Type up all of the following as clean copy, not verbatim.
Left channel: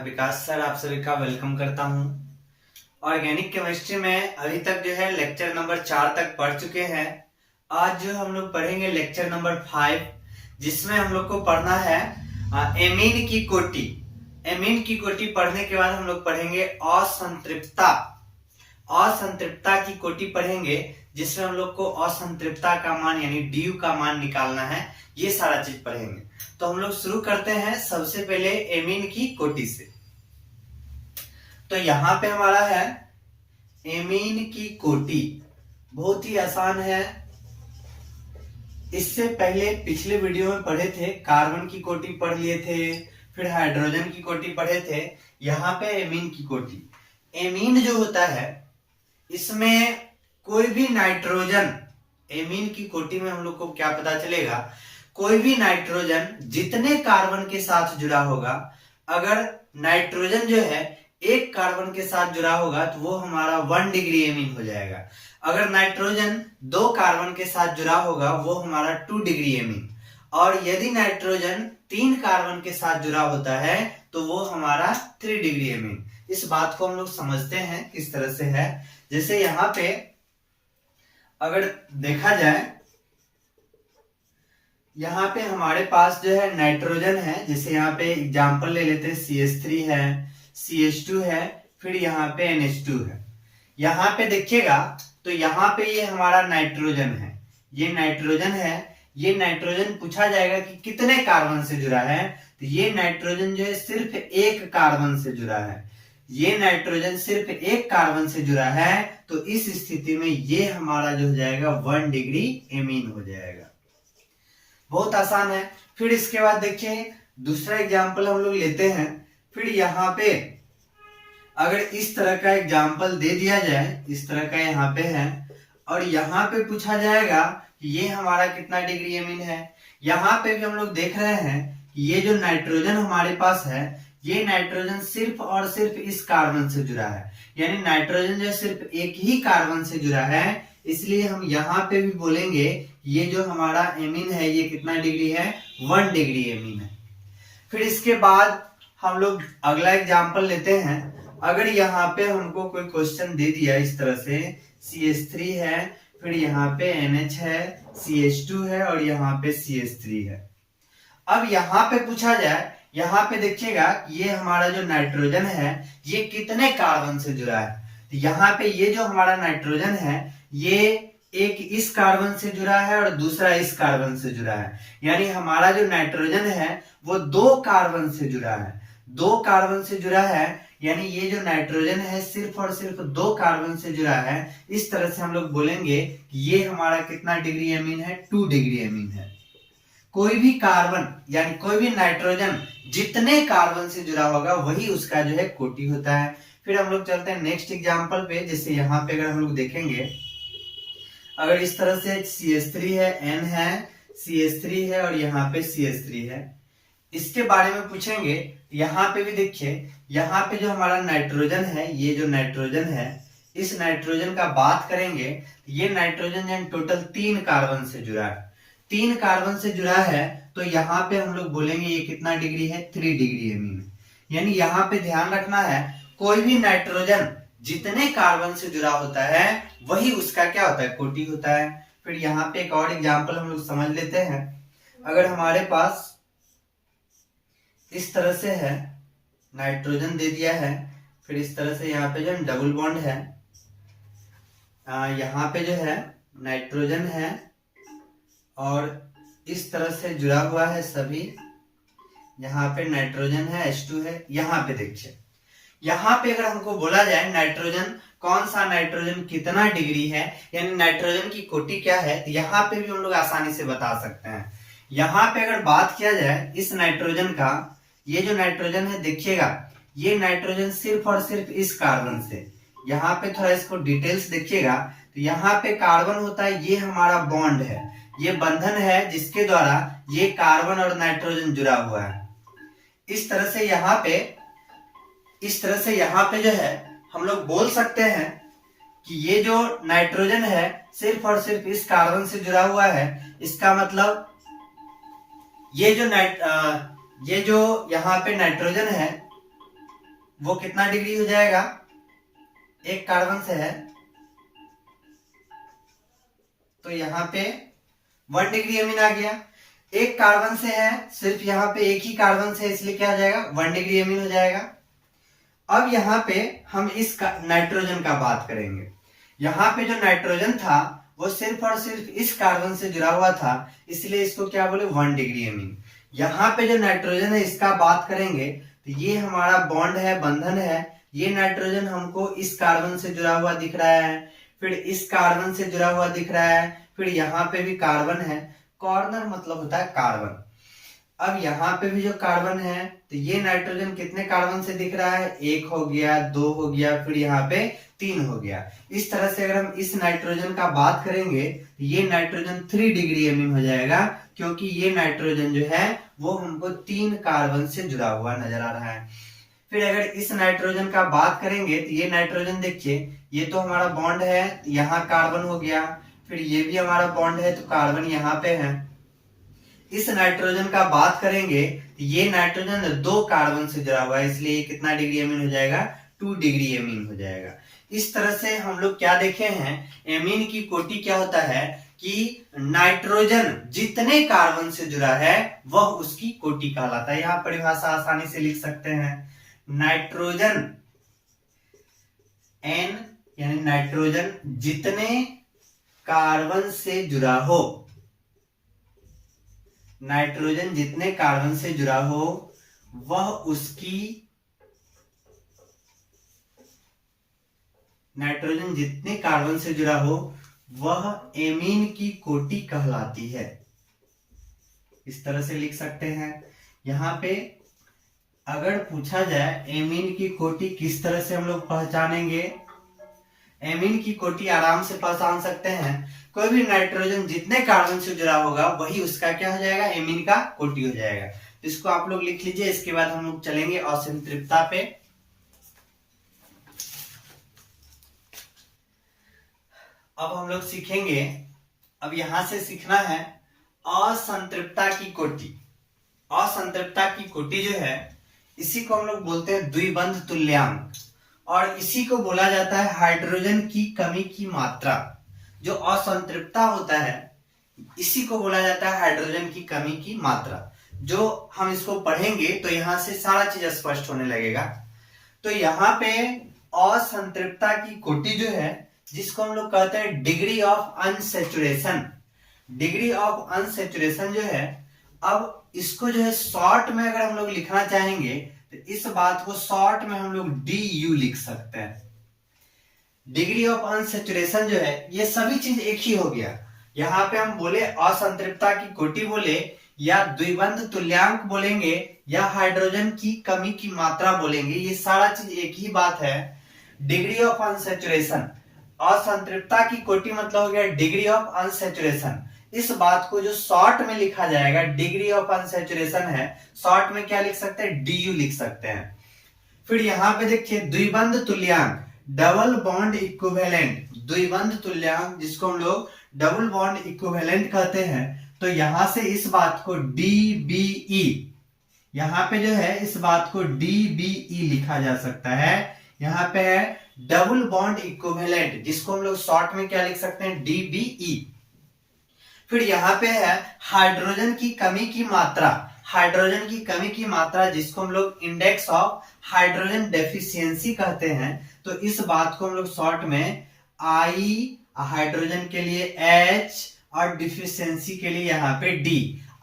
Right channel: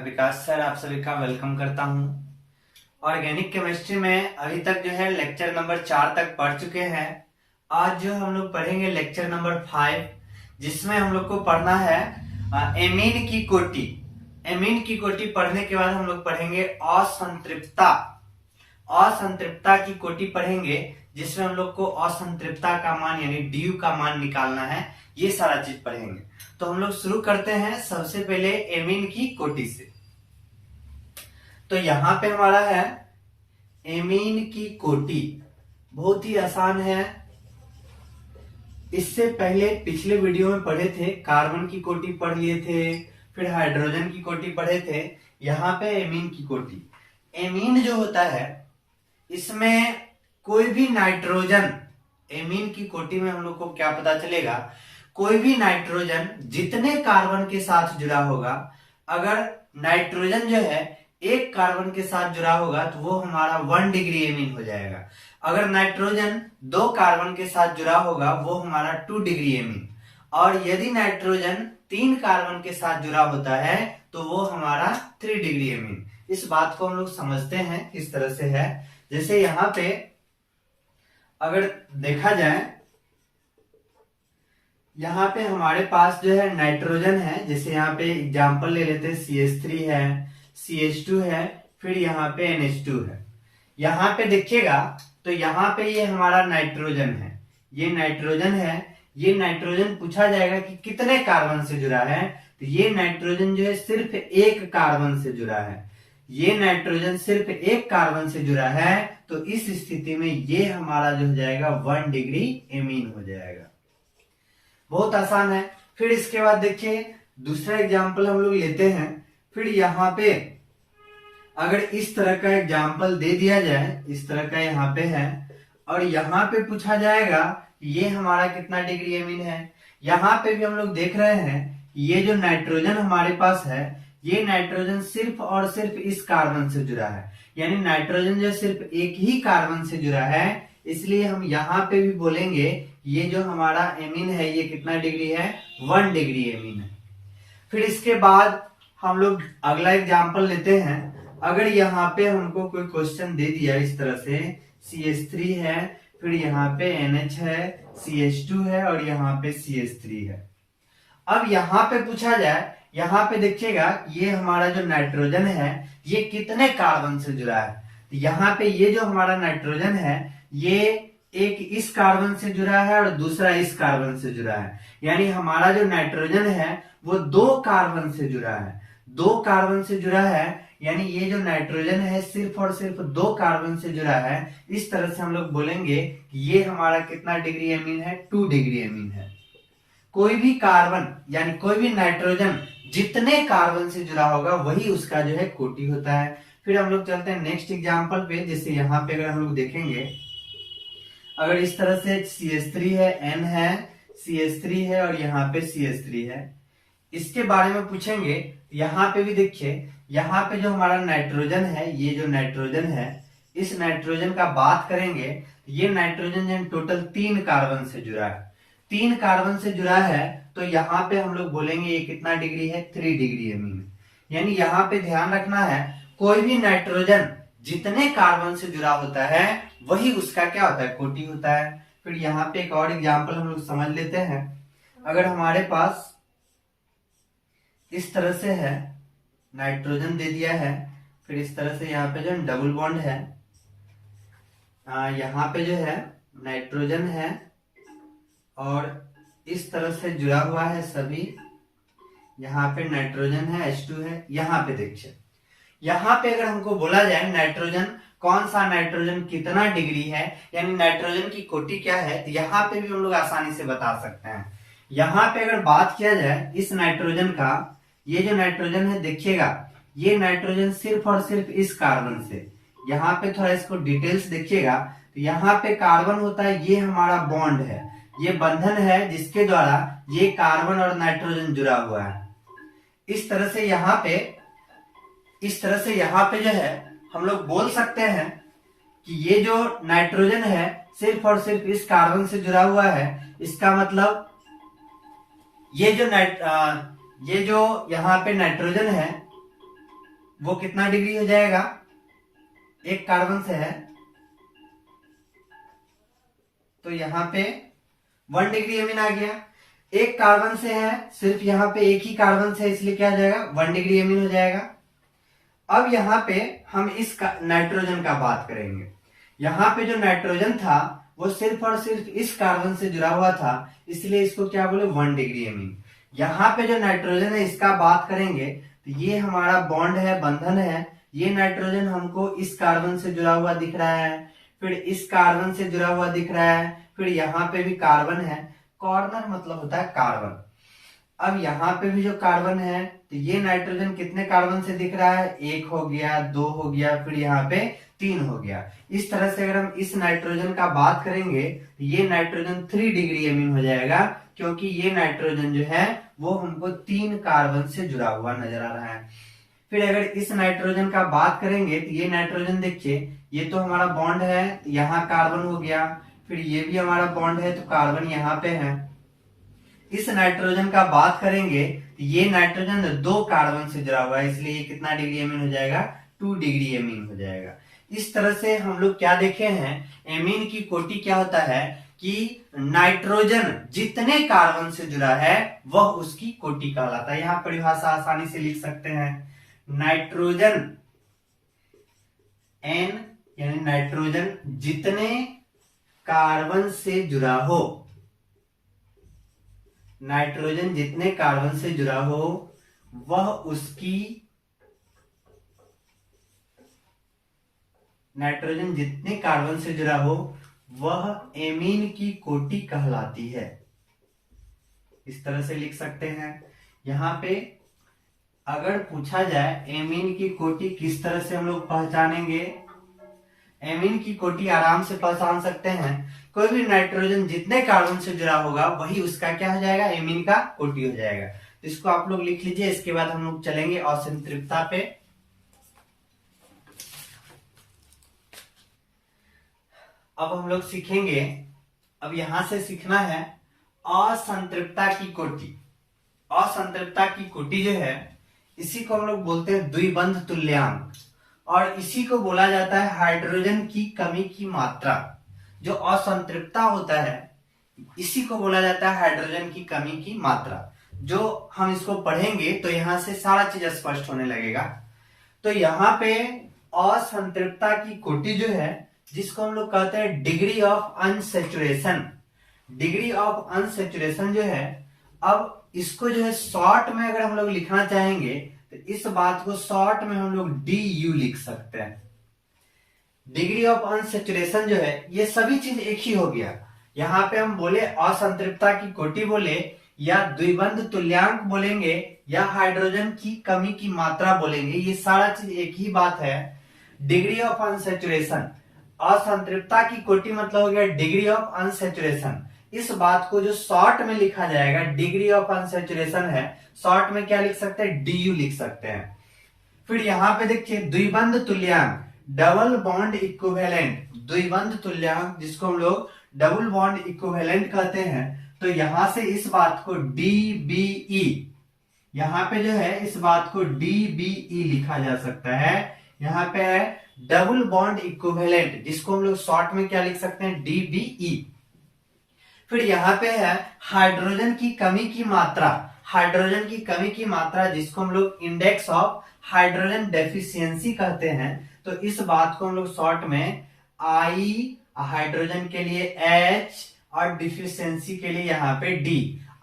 मैं विकास सर आप सभी का वेलकम करता हूं। ऑर्गेनिक केमिस्ट्री में अभी तक जो है लेक्चर नंबर 4 तक पढ़ चुके हैं। आज जो हम लोग पढ़ेंगे लेक्चर नंबर 5, जिसमें हम लोग को पढ़ना है एमीन की कोटि। एमीन की कोटि पढ़ने के बाद हम लोग पढ़ेंगे असंतृप्तता। असंतृप्तता की कोटि पढ़ेंगे, जिसमें हम लोग को असंतृप्तता का मान यानी ड्यू का मान निकालना है। ये सारा चीज पढ़ेंगे। तो हम लोग शुरू करते हैं सबसे पहले एमीन की कोटि से। तो यहां पे हमारा है एमीन की कोटि, बहुत ही आसान है। इससे पहले पिछले वीडियो में पढ़े थे, कार्बन की कोटि पढ़ लिए थे, फिर हाइड्रोजन की कोटि पढ़े थे। यहाँ पे एमीन की कोटि। एमीन जो होता है इसमें कोई भी नाइट्रोजन, एमीन की कोटि में हम लोग को क्या पता चलेगा, कोई भी नाइट्रोजन जितने कार्बन के साथ जुड़ा होगा, अगर नाइट्रोजन जो है एक कार्बन के साथ जुड़ा होगा तो वो हमारा 1 डिग्री एमीन हो जाएगा। अगर नाइट्रोजन 2 कार्बन के साथ जुड़ा होगा वो हमारा 2 डिग्री एमीन। और यदि नाइट्रोजन 3 कार्बन के साथ जुड़ा होता है तो वो हमारा 3 डिग्री एमीन। इस बात को हम लोग समझते हैं किस तरह से है। जैसे यहां पे अगर देखा जाए, यहाँ पे हमारे पास जो है नाइट्रोजन है, जैसे यहाँ पे एग्जांपल ले लेते हैं, CH3 है, CH2 है, फिर यहाँ पे NH2 है। यहाँ पे देखिएगा तो यहाँ पे ये हमारा नाइट्रोजन है, ये नाइट्रोजन है। ये नाइट्रोजन पूछा जाएगा कि कितने कार्बन से जुड़ा है, तो ये नाइट्रोजन जो है सिर्फ एक कार्बन से जुड़ा है। ये नाइट्रोजन सिर्फ एक कार्बन से जुड़ा है, तो इस स्थिति में ये हमारा जो हो जाएगा 1 डिग्री एमीन हो जाएगा। बहुत आसान है। फिर इसके बाद देखिए दूसरा एग्जाम्पल हम लोग लेते हैं। फिर यहाँ पे अगर इस तरह का एग्जाम्पल दे दिया जाए, इस तरह का यहाँ पे है, और यहाँ पे पूछा जाएगा कि ये हमारा कितना डिग्री एमीन है। यहाँ पे भी हम लोग देख रहे हैं कि ये जो नाइट्रोजन हमारे पास है, ये नाइट्रोजन सिर्फ और सिर्फ इस कार्बन से जुड़ा है, यानी नाइट्रोजन जो सिर्फ एक ही कार्बन से जुड़ा है। इसलिए हम यहाँ पे भी बोलेंगे ये जो हमारा एमीन है ये कितना डिग्री है, 1 डिग्री एमीन है। फिर इसके बाद हम लोग अगला एग्जांपल लेते हैं। अगर यहाँ पे हमको कोई क्वेश्चन दे दिया इस तरह से, CH3 है, फिर यहाँ पे NH है, CH2 है और यहाँ पे CH3 है। अब यहाँ पे पूछा जाए, यहाँ पे देखिएगा ये हमारा जो नाइट्रोजन है ये कितने कार्बन से जुड़ा है। तो यहाँ पे ये जो हमारा नाइट्रोजन है ये एक इस कार्बन से जुड़ा है और दूसरा इस कार्बन से जुड़ा है, यानी हमारा जो नाइट्रोजन है वो 2 कार्बन से जुड़ा है। 2 कार्बन से जुड़ा है, यानी ये जो नाइट्रोजन है सिर्फ और सिर्फ 2 कार्बन से जुड़ा है। इस तरह से हम लोग बोलेंगे कि ये हमारा कितना डिग्री एमीन है, 2 डिग्री एमीन है। कोई भी कार्बन यानी कोई भी नाइट्रोजन जितने कार्बन से जुड़ा होगा वही उसका जो है कोटि होता है। फिर हम लोग चलते हैं नेक्स्ट एग्जांपल पे। जैसे यहाँ पे अगर हम लोग देखेंगे, अगर इस तरह से CH3 है, N है, CH3 है और यहाँ पे CH3 है, इसके बारे में पूछेंगे। यहाँ पे भी देखिए, यहाँ पे जो हमारा नाइट्रोजन है, ये जो नाइट्रोजन है, इस नाइट्रोजन का बात करेंगे, ये नाइट्रोजन टोटल 3 कार्बन से जुड़ा है। 3 कार्बन से जुड़ा है तो यहाँ पे हम लोग बोलेंगे ये कितना डिग्री है, 3 डिग्री एमीन। यानी यहाँ पे ध्यान रखना है, कोई भी नाइट्रोजन जितने कार्बन से जुड़ा होता है वही उसका क्या होता है, कोटि होता है। फिर यहाँ पे एक और एग्जांपल हम लोग समझ लेते हैं। अगर हमारे पास इस तरह से है, नाइट्रोजन दे दिया है, फिर इस तरह से यहाँ पे जो डबल बॉन्ड है, यहाँ पे जो है नाइट्रोजन है और इस तरह से जुड़ा हुआ है सभी। यहाँ पे नाइट्रोजन है, H2 है। यहाँ पे देखिए, यहाँ पे अगर हमको बोला जाए नाइट्रोजन, कौन सा नाइट्रोजन कितना डिग्री है, यानी नाइट्रोजन की कोटि क्या है, तो यहाँ पे भी हम लोग आसानी से बता सकते हैं। यहाँ पे अगर बात किया जाए इस नाइट्रोजन का, ये जो नाइट्रोजन है देखिएगा, ये नाइट्रोजन सिर्फ और सिर्फ इस कार्बन से, यहाँ पे थोड़ा इसको डिटेल्स देखिएगा, तो यहाँ पे कार्बन होता है, ये हमारा बॉन्ड है, ये बंधन है जिसके द्वारा ये कार्बन और नाइट्रोजन जुड़ा हुआ है। इस तरह से यहाँ पे जो है हम लोग बोल सकते हैं कि ये जो नाइट्रोजन है सिर्फ और सिर्फ इस कार्बन से जुड़ा हुआ है। इसका मतलब ये जो यहाँ पे नाइट्रोजन है वो कितना डिग्री हो जाएगा, एक कार्बन से है तो यहाँ पे 1 डिग्री एमीन आ गया। एक कार्बन से है, सिर्फ यहाँ पे एक ही कार्बन से, इसलिए क्या आ जाएगा, 1 डिग्री एमीन हो जाएगा। अब यहाँ पे हम इस नाइट्रोजन का बात करेंगे। यहाँ पे जो नाइट्रोजन था वो सिर्फ और सिर्फ इस कार्बन से जुड़ा हुआ था, इसलिए इसको क्या बोले, 1 डिग्री एमीन। यहाँ पे जो नाइट्रोजन है इसका बात करेंगे तो ये हमारा बॉन्ड है, बंधन है। ये नाइट्रोजन हमको इस कार्बन से जुड़ा हुआ दिख रहा है, फिर इस कार्बन से जुड़ा हुआ दिख रहा है, फिर यहाँ पे भी कार्बन है। कॉर्नर मतलब होता है कार्बन। अब यहाँ पे भी जो कार्बन है तो ये नाइट्रोजन कितने कार्बन से दिख रहा है, 1 हो गया, 2 हो गया, फिर यहाँ पे 3 हो गया। इस तरह से अगर हम इस नाइट्रोजन का बात करेंगे तो ये नाइट्रोजन 3 डिग्री एमीन हो जाएगा, क्योंकि ये नाइट्रोजन जो है वो हमको 3 कार्बन से जुड़ा हुआ नजर आ रहा है। फिर अगर इस नाइट्रोजन का बात करेंगे तो ये नाइट्रोजन देखिए, ये तो हमारा बॉन्ड है, यहाँ कार्बन हो गया, फिर ये भी हमारा बॉन्ड है तो कार्बन यहाँ पे है। इस नाइट्रोजन का बात करेंगे तो ये नाइट्रोजन 2 कार्बन से जुड़ा हुआ है, इसलिए ये कितना डिग्री एमीन हो जाएगा, 2 डिग्री एमीन हो जाएगा। इस तरह से हम लोग क्या देखे हैं, एमीन की कोटि क्या होता है कि नाइट्रोजन जितने कार्बन से जुड़ा है वह उसकी कोटि कहलाता है। यहाँ परिभाषा आसानी से लिख सकते हैं, नाइट्रोजन N यानी नाइट्रोजन जितने कार्बन से जुड़ा हो, नाइट्रोजन जितने कार्बन से जुड़ा हो वह उसकी, नाइट्रोजन जितने कार्बन से जुड़ा हो वह एमीन की कोटि कहलाती है। इस तरह से लिख सकते हैं। यहाँ पे अगर पूछा जाए एमीन की कोटि किस तरह से हम लोग पहचानेंगे, एमीन की कोटि आराम से पहचान सकते हैं। कोई भी नाइट्रोजन जितने कार्बन से जुड़ा होगा वही उसका क्या हो जाएगा, एमीन का कोटि हो जाएगा। तो इसको आप लोग लिख लीजिए। इसके बाद हम लोग चलेंगे असंतृप्तता पे। अब हम लोग सीखेंगे, अब यहां से सीखना है असंतृप्तता की कोटि। असंतृप्तता की कोटि जो है इसी को हम लोग बोलते हैं द्विबंध तुल्यांक, और इसी को बोला जाता है हाइड्रोजन की कमी की मात्रा। जो असंतृप्तता होता है इसी को बोला जाता है हाइड्रोजन की कमी की मात्रा। जो हम इसको पढ़ेंगे तो यहां से सारा चीज स्पष्ट होने लगेगा। तो यहाँ पे असंतृप्तता की कोटि जो है जिसको हम लोग कहते हैं degree of unsaturation, degree of unsaturation जो है, अब इसको जो है शॉर्ट में अगर हम लोग लिखना चाहेंगे तो इस बात को शॉर्ट में हम लोग DU लिख सकते हैं। डिग्री ऑफ अनसैचुरेशन जो है ये सभी चीज एक ही हो गया। यहाँ पे हम बोले असंतृप्तता की कोटि बोले या द्विबंध तुल्यांक बोलेंगे या हाइड्रोजन की कमी की मात्रा बोलेंगे, ये सारा चीज एक ही बात है। डिग्री ऑफ अनसैचुरेशन, असंतृप्तता की कोटि मतलब हो गया डिग्री ऑफ अनसैचुरेशन। इस बात को जो शॉर्ट में लिखा जाएगा, डिग्री ऑफ अनसैचुरेशन है, शॉर्ट में क्या लिख सकते हैं, DU लिख सकते हैं। फिर यहाँ पे देखिए द्विबंध तुल्यांक, डबल बॉन्ड इक्विवेलेंट, द्विबंध तुल्यांक जिसको हम लोग डबल बॉन्ड इक्विवेलेंट कहते हैं। तो यहां से इस बात को DBE, यहाँ पे जो है इस बात को DBE लिखा जा सकता है। यहाँ पे है डबल बॉन्ड इक्विवेलेंट जिसको हम लोग शॉर्ट में क्या लिख सकते हैं, DBE। फिर यहाँ पे है हाइड्रोजन की कमी की मात्रा, हाइड्रोजन की कमी की मात्रा जिसको हम लोग इंडेक्स ऑफ हाइड्रोजन डेफिशिएंसी कहते हैं। तो इस बात को हम लोग शॉर्ट में I, हाइड्रोजन के लिए H और डिफिशियंसी के लिए यहाँ पे D,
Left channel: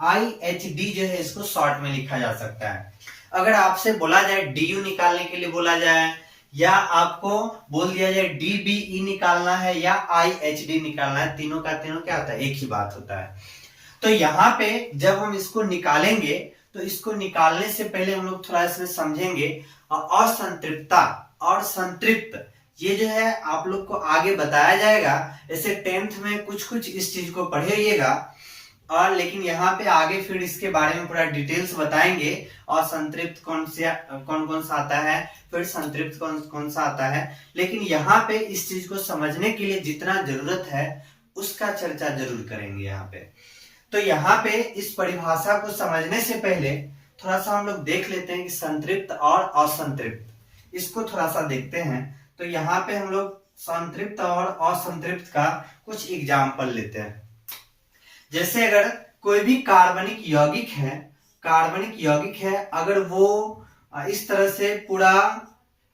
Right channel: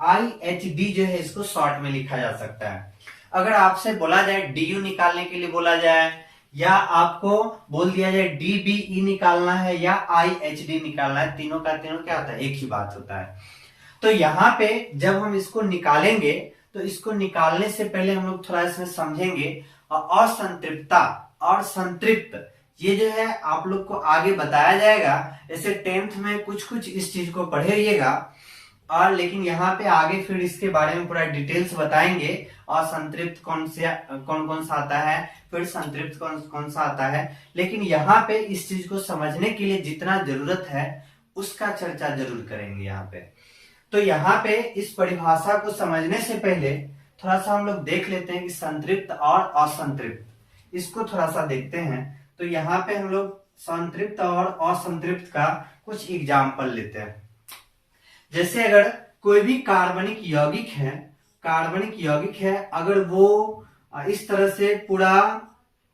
IHD जो है इसको शॉर्ट में लिखा जा सकता है। अगर आपसे बोला जाए DU निकालने के लिए बोला जाए या आपको बोल दिया जाए DBE निकालना है या IHD निकालना है, तीनों का तीनों क्या होता है, एक ही बात होता है। तो यहाँ पे जब हम इसको निकालेंगे तो इसको निकालने से पहले हम लोग थोड़ा इसमें समझेंगे असंतृप्तता और संतृप्त, ये जो है आप लोग को आगे बताया जाएगा। ऐसे 10th में कुछ इस चीज को पढ़ेगा और लेकिन यहाँ पे आगे फिर इसके बारे में पूरा डिटेल्स बताएंगे। और संतृप्त कौन सा आता है, फिर संतृप्त कौन सा आता है। लेकिन यहाँ पे इस चीज को समझने के लिए जितना जरूरत है उसका चर्चा जरूर करेंगे यहाँ पे। तो यहाँ पे इस परिभाषा को समझने से पहले थोड़ा सा हम लोग देख लेते हैं कि संतृप्त और असंतृप्त इसको थोड़ा सा देखते हैं। तो यहाँ पे हम लोग संतृप्त और असंतृप्त का कुछ एग्जाम्पल लेते हैं। जैसे अगर कोई भी कार्बनिक यौगिक है, अगर वो इस तरह से पूरा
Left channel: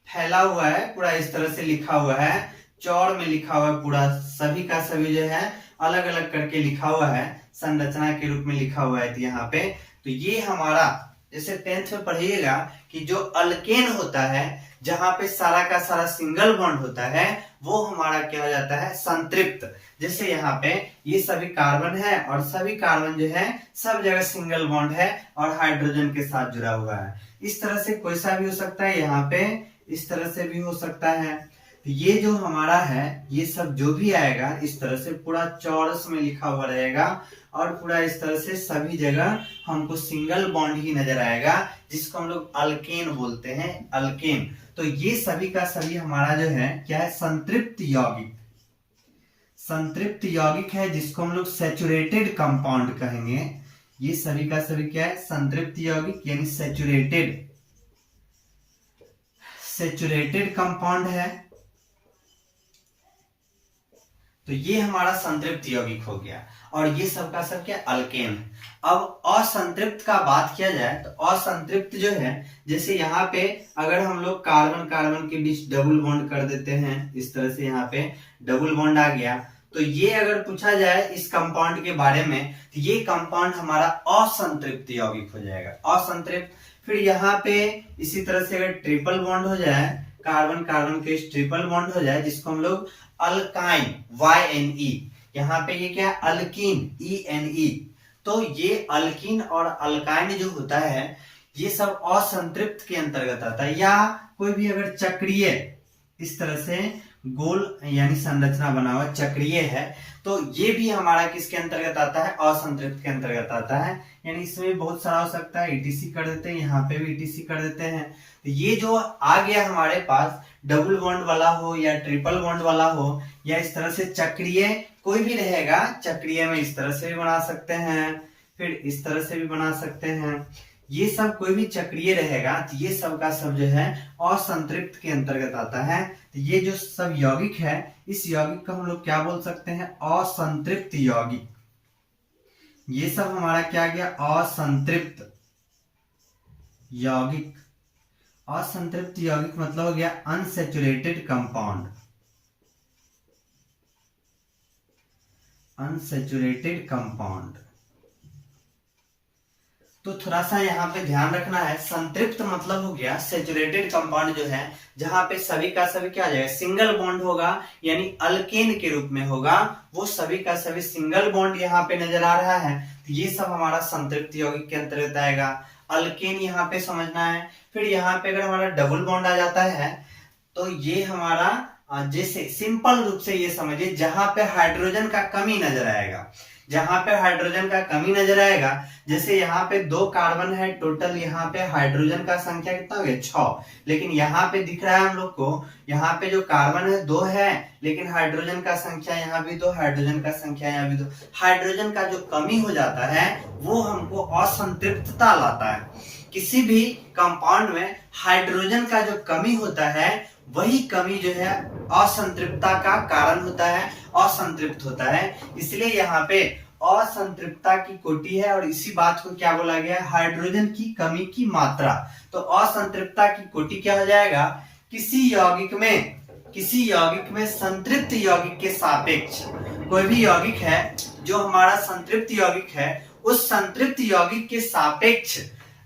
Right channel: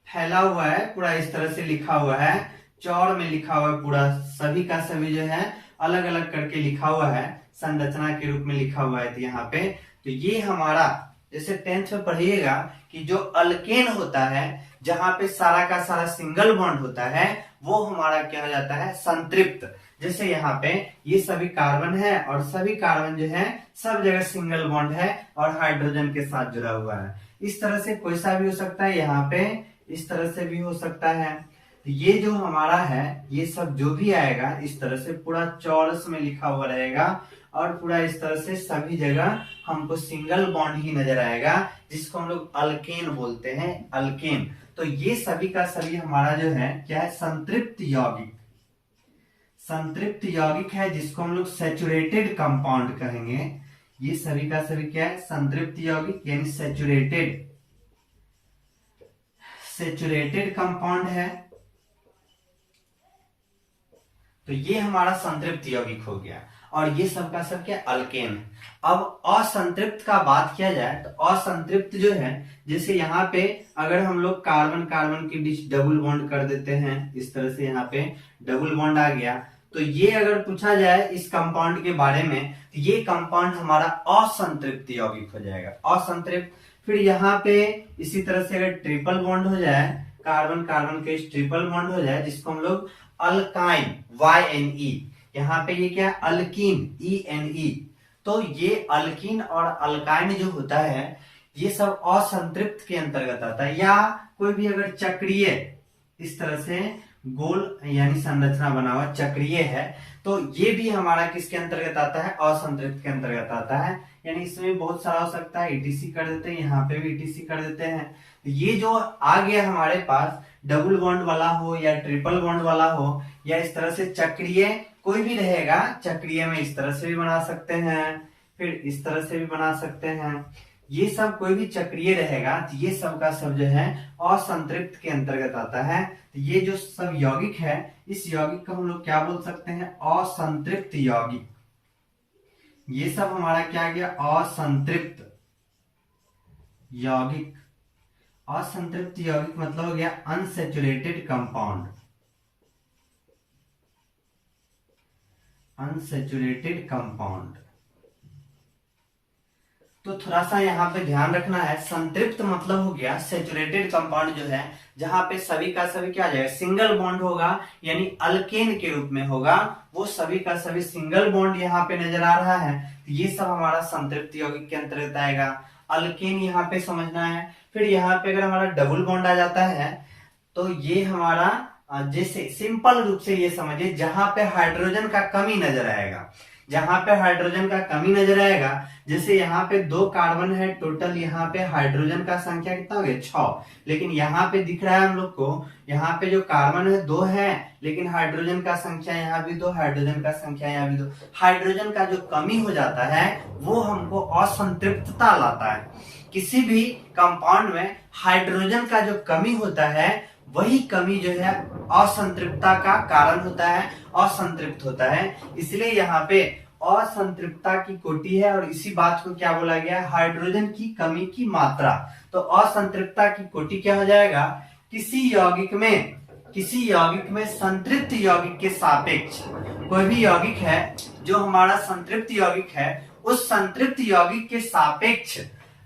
फैला हुआ है, पूरा इस तरह से लिखा हुआ है, चौड़ में लिखा हुआ है, पूरा सभी का सभी जो है अलग अलग करके लिखा हुआ है, संरचना के रूप में लिखा हुआ है। तो यहाँ पे तो ये हमारा जैसे 10th में पढ़िएगा कि जो अल्केन होता है, जहां पे सारा का सारा सिंगल बॉन्ड होता है, वो हमारा क्या हो जाता है, संतृप्त। जैसे यहाँ पे ये सभी कार्बन है और सभी कार्बन जो है सब जगह सिंगल बॉन्ड है और हाइड्रोजन के साथ जुड़ा हुआ है। इस तरह से कोई सा भी हो सकता है, यहाँ पे इस तरह से भी हो सकता है। तो ये जो हमारा है, ये सब जो भी आएगा इस तरह से पूरा चौरस में लिखा हुआ रहेगा और पूरा इस तरह से सभी जगह हमको सिंगल बॉन्ड ही नजर आएगा, जिसको हम लोग अल्केन बोलते हैं, अल्केन। तो ये सभी का सभी हमारा जो है क्या है, संतृप्त यौगिक। संतृप्त यौगिक है जिसको हम लोग सैचुरेटेड कंपाउंड कहेंगे। ये सभी का सभी क्या है, संतृप्त यौगिक यानी सैचुरेटेड कंपाउंड है। तो ये हमारा संतृप्त यौगिक हो गया और ये सब का सब क्या, अल्केन। अब असंतृप्त का बात किया जाए तो असंतृप्त जो है, जैसे यहाँ पे अगर हम लोग कार्बन कार्बन के बीच डबल बॉन्ड कर देते हैं, इस तरह से यहाँ पे डबल बॉन्ड आ गया, तो ये अगर पूछा जाए इस कंपाउंड के बारे में, तो ये कंपाउंड हमारा असंतृप्त यौगिक हो जाएगा, असंतृप्त। फिर यहाँ पे इसी तरह से अगर ट्रिपल बॉन्ड हो जाए, कार्बन कार्बन के ट्रिपल बॉन्ड हो जाए, जिसको हम लोग अल्काइन, YNE, यहाँ पे ये क्या है, अल्कीन, ENE। तो ये अल्कीन और अल्काइन जो होता है, ये सब असंतृप्त के अंतर्गत आता है। या कोई भी अगर चक्रीय इस तरह से गोल यानी संरचना बना हुआ चक्रीय है, तो ये भी हमारा किसके अंतर्गत आता है, असंतृप्त के अंतर्गत आता है। यानी इसमें बहुत सारा हो सकता है, ETC कर देते हैं, यहाँ पे भी ETC कर देते हैं। तो ये जो आ गया हमारे पास, डबल बॉन्ड वाला हो या ट्रिपल बॉन्ड वाला हो या इस तरह से चक्रीय कोई भी रहेगा, चक्रीय में इस तरह से भी बना सकते हैं, फिर इस तरह से भी बना सकते हैं। ये सब कोई भी चक्रीय रहेगा, तो ये सब का सब जो है असंतृप्त के अंतर्गत आता है। तो ये जो सब यौगिक है, इस यौगिक को हम लोग क्या बोल सकते हैं, असंतृप्त यौगिक। ये सब हमारा क्या गया, असंतृप्त यौगिक। असंतृप्त यौगिक मतलब हो गया अनसैचुरेटेड कंपाउंड, अनसैचुरेटेड कंपाउंड। तो थोड़ा सा यहाँ पे ध्यान रखना है, संतृप्त मतलब हो गया सैचुरेटेड कंपाउंड जो है, जहां पे सभी का सभी क्या आ जाएगा, सिंगल बॉन्ड होगा, यानी अल्केन के रूप में होगा, वो सभी का सभी सिंगल बॉन्ड यहाँ पे नजर आ रहा है। तो ये सब हमारा संतृप्त यौगिक के अंतर्गत आएगा। अल्केन यहाँ पे समझना है। फिर यहाँ पे अगर हमारा डबल बॉन्ड आ जाता है, तो ये हमारा जैसे सिंपल रूप से ये समझिए, जहां पे हाइड्रोजन का कमी नजर आएगा, जहां पे हाइड्रोजन का कमी नजर आएगा, जैसे यहाँ पे 2 कार्बन है टोटल, यहाँ पे हाइड्रोजन का संख्या कितना हो गया, 6, लेकिन यहाँ पे दिख रहा है हम लोग को, यहाँ पे जो कार्बन है 2 है, लेकिन हाइड्रोजन का संख्या यहाँ भी 2, हाइड्रोजन का संख्या यहाँ भी 2। हाइड्रोजन का जो कमी हो जाता है वो हमको असंतृप्तता लाता है। किसी भी कंपाउंड में हाइड्रोजन का जो कमी होता है, वही कमी जो है असंतृप्तता का कारण होता है, असंतृप्त होता है। इसलिए यहाँ पे असंतृप्तता की कोटि है और इसी बात को क्या बोला गया, हाइड्रोजन की कमी की मात्रा। तो असंतृप्तता की कोटि क्या हो जाएगा, किसी यौगिक में संतृप्त यौगिक के सापेक्ष, कोई भी यौगिक है जो हमारा संतृप्त यौगिक है, उस संतृप्त यौगिक के सापेक्ष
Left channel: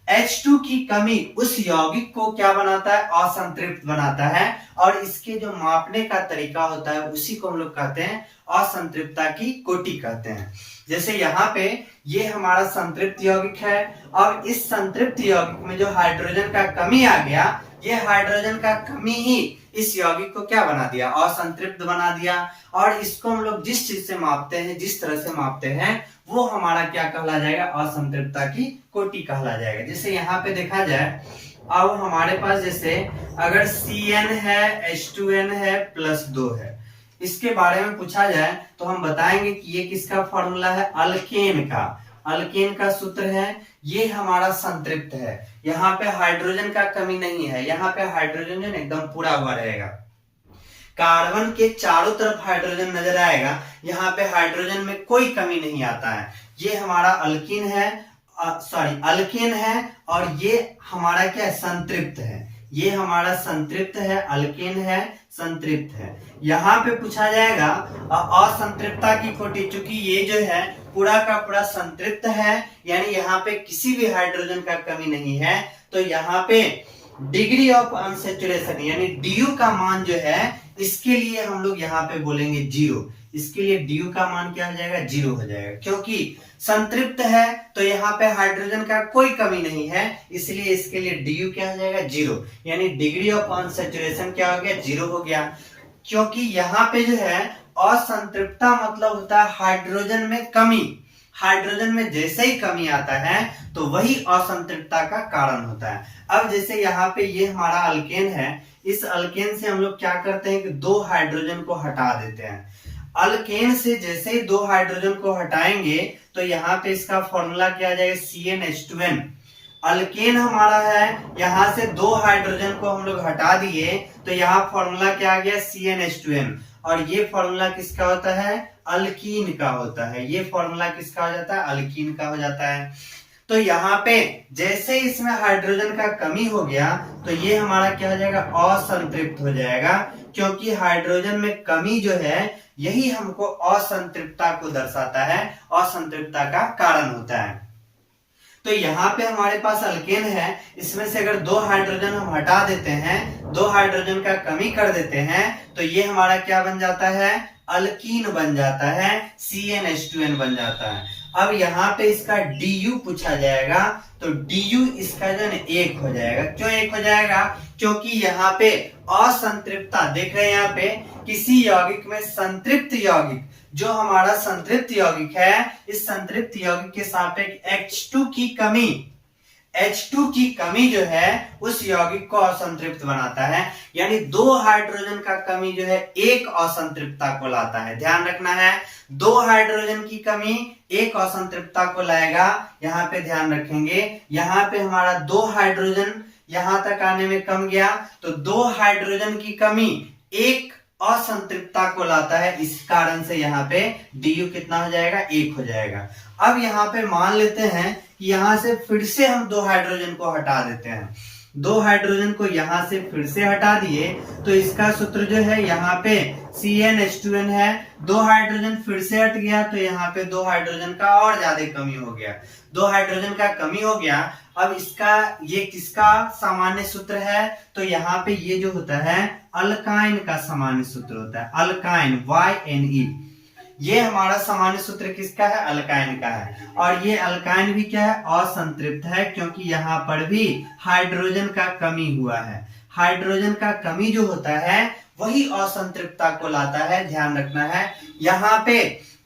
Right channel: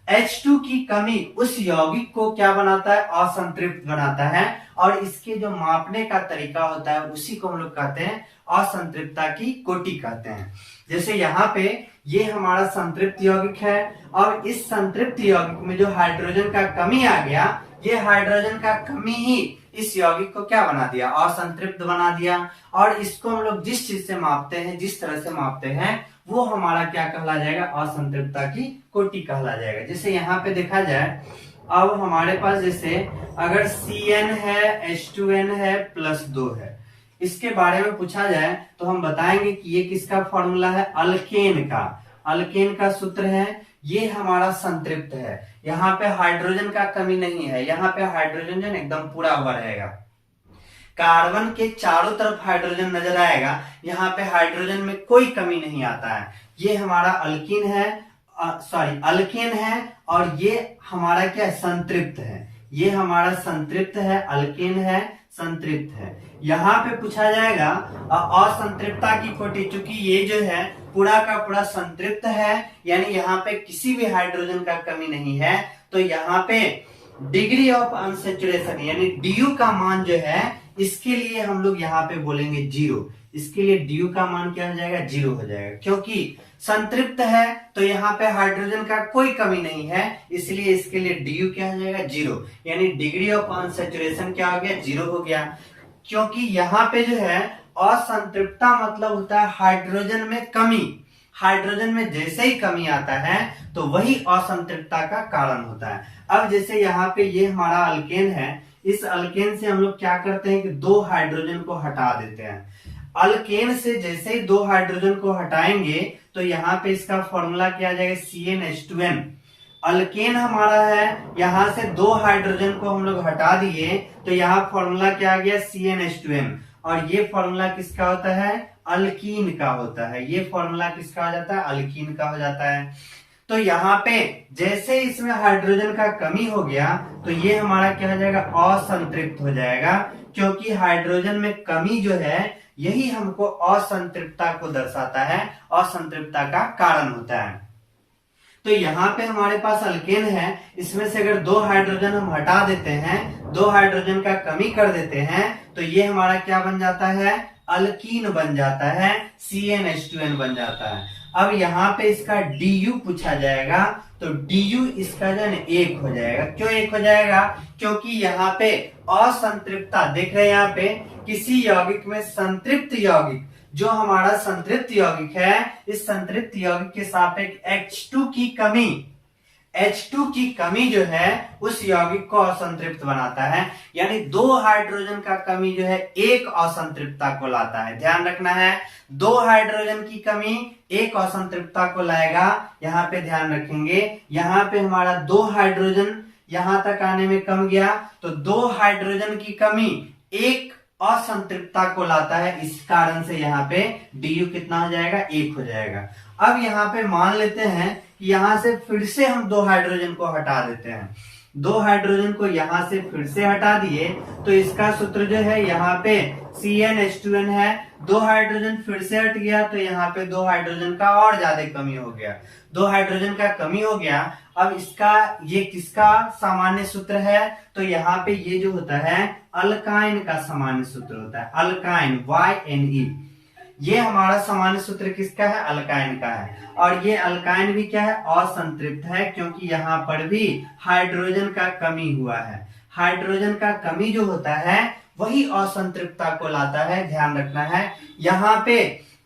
H2 की कमी उस यौगिक को क्या बनाता है, असंतृप्त बनाता है। और इसके जो मापने का तरीका होता है, उसी को हम लोग कहते हैं असंतृप्तता की कोटि कहते हैं। जैसे यहाँ पे ये हमारा संतृप्त यौगिक है और इस संतृप्त यौगिक में जो हाइड्रोजन का कमी आ गया, ये हाइड्रोजन का कमी ही इस यौगिक को क्या बना दिया, असंतृप्त बना दिया। और इसको हम लोग जिस चीज से मापते हैं, जिस तरह से मापते हैं, वो हमारा क्या कहला जाएगा, असंतृप्तता की कोटि कहला जाएगा। जैसे यहाँ पे देखा जाए, अब हमारे पास जैसे अगर CN है, H2N है, +2 है, इसके बारे में पूछा जाए तो हम बताएंगे कि ये किसका फॉर्मूला है, अल्केन का। अल्केन का सूत्र है, ये हमारा संतृप्त है। यहाँ पे हाइड्रोजन का कमी नहीं है, यहाँ पे हाइड्रोजन जो एकदम पूरा हुआ रहेगा। कार्बन के चारों तरफ हाइड्रोजन नजर आएगा, यहाँ पे हाइड्रोजन में कोई कमी नहीं आता है। ये हमारा अल्कीन है, अल्केन है, और ये हमारा क्या है, संतृप्त है। ये हमारा संतृप्त है, अल्केन है, संतृप्त है। यहाँ पे पूछा जाएगा असंतृप्तता की कोटि, चूंकि ये जो है पूरा का पूरा संतृप्त है, यानी यहाँ पे किसी भी हाइड्रोजन का कमी नहीं है, तो यहाँ पे डिग्री ऑफ अनसेचुरेशन यानी डीयू का मान जो है, इसके लिए हम लोग यहाँ पे बोलेंगे 0। इसके लिए डीयू का मान क्या हो जाएगा, 0 हो जाएगा, क्योंकि संतृप्त है तो यहाँ पे हाइड्रोजन का कोई कमी नहीं है, इसलिए इसके लिए डीयू क्या हो जाएगा, 0। यानी डिग्री ऑफ अनसेचुरेशन क्या हो गया, 0 हो गया। क्योंकि यहाँ पे जो है असंतृप्तता मतलब होता है हाइड्रोजन में कमी। हाइड्रोजन में जैसे ही कमी आता है तो वही असंतृप्तता का कारण होता है। अब जैसे यहाँ पे ये हमारा अल्केन है, इस अल्केन से हम लोग क्या करते हैं कि 2 हाइड्रोजन को हटा देते हैं। अल्केन से जैसे ही 2 हाइड्रोजन को हटाएंगे तो यहाँ पे इसका फॉर्मूला क्या आ जाएगा, CnH2n। अल्केन हमारा है, यहाँ से 2 हाइड्रोजन को हम लोग हटा दिए तो यहाँ फॉर्मूला क्या आ गया, CnH2n। और ये फॉर्मूला किसका होता है, अल्कीन का होता है। ये फॉर्मूला किसका हो जाता है, अल्कीन का हो जाता है। तो यहाँ पे जैसे इसमें हाइड्रोजन का कमी हो गया तो ये हमारा क्या हो जाएगा, असंतृप्त हो जाएगा, क्योंकि हाइड्रोजन में कमी जो है यही हमको असंतृप्तता को दर्शाता है, असंतृप्तता का कारण होता है। तो यहाँ पे हमारे पास अल्केन है, इसमें से अगर 2 हाइड्रोजन हम हटा देते हैं, 2 हाइड्रोजन का कमी कर देते हैं, तो ये हमारा क्या बन जाता है, अल्कीन बन जाता है, CnH2n बन जाता है। अब यहाँ पे इसका DU पूछा जाएगा, तो DU इसका जो है 1 हो जाएगा। क्यों 1 हो जाएगा, क्योंकि यहाँ पे असंतृप्तता देख रहे हैं, यहाँ पे किसी यौगिक में संतृप्त यौगिक, जो हमारा संतृप्त यौगिक है, इस संतृप्त यौगिक के सापेक्ष H2 की कमी, H2 की कमी जो है उस यौगिक को असंतृप्त बनाता है। यानी 2 हाइड्रोजन का कमी जो है 1 असंतृप्तता को लाता है। ध्यान रखना है, 2 हाइड्रोजन की कमी 1 असंतृप्तता को लाएगा। यहाँ पे ध्यान रखेंगे, यहाँ पे हमारा 2 हाइड्रोजन यहां तक आने में कम गया, तो 2 हाइड्रोजन की कमी 1 असंतृप्तता को लाता है। इस कारण से यहाँ पे DU कितना हो जाएगा, 1 हो जाएगा। अब यहाँ पे मान लेते हैं कि यहां से फिर से हम 2 हाइड्रोजन को हटा देते हैं। 2 हाइड्रोजन को यहां से फिर से हटा दिए तो इसका सूत्र जो है यहाँ पे CnH2n है। 2 हाइड्रोजन फिर से हट गया तो यहाँ पे 2 हाइड्रोजन का और ज्यादा कमी हो गया, 2 हाइड्रोजन का कमी हो गया। अब इसका ये किसका सामान्य सूत्र है, तो यहाँ पे ये जो होता है अल्काइन का सामान्य सूत्र होता है, अल्काइन YNE। ये हमारा सामान्य सूत्र किसका है, अल्काइन का है। और ये अल्काइन भी क्या है, असंतृप्त है, क्योंकि यहाँ पर भी हाइड्रोजन का कमी हुआ है। हाइड्रोजन का कमी जो होता है वही असंतृप्तता को लाता है, ध्यान रखना है यहाँ पे।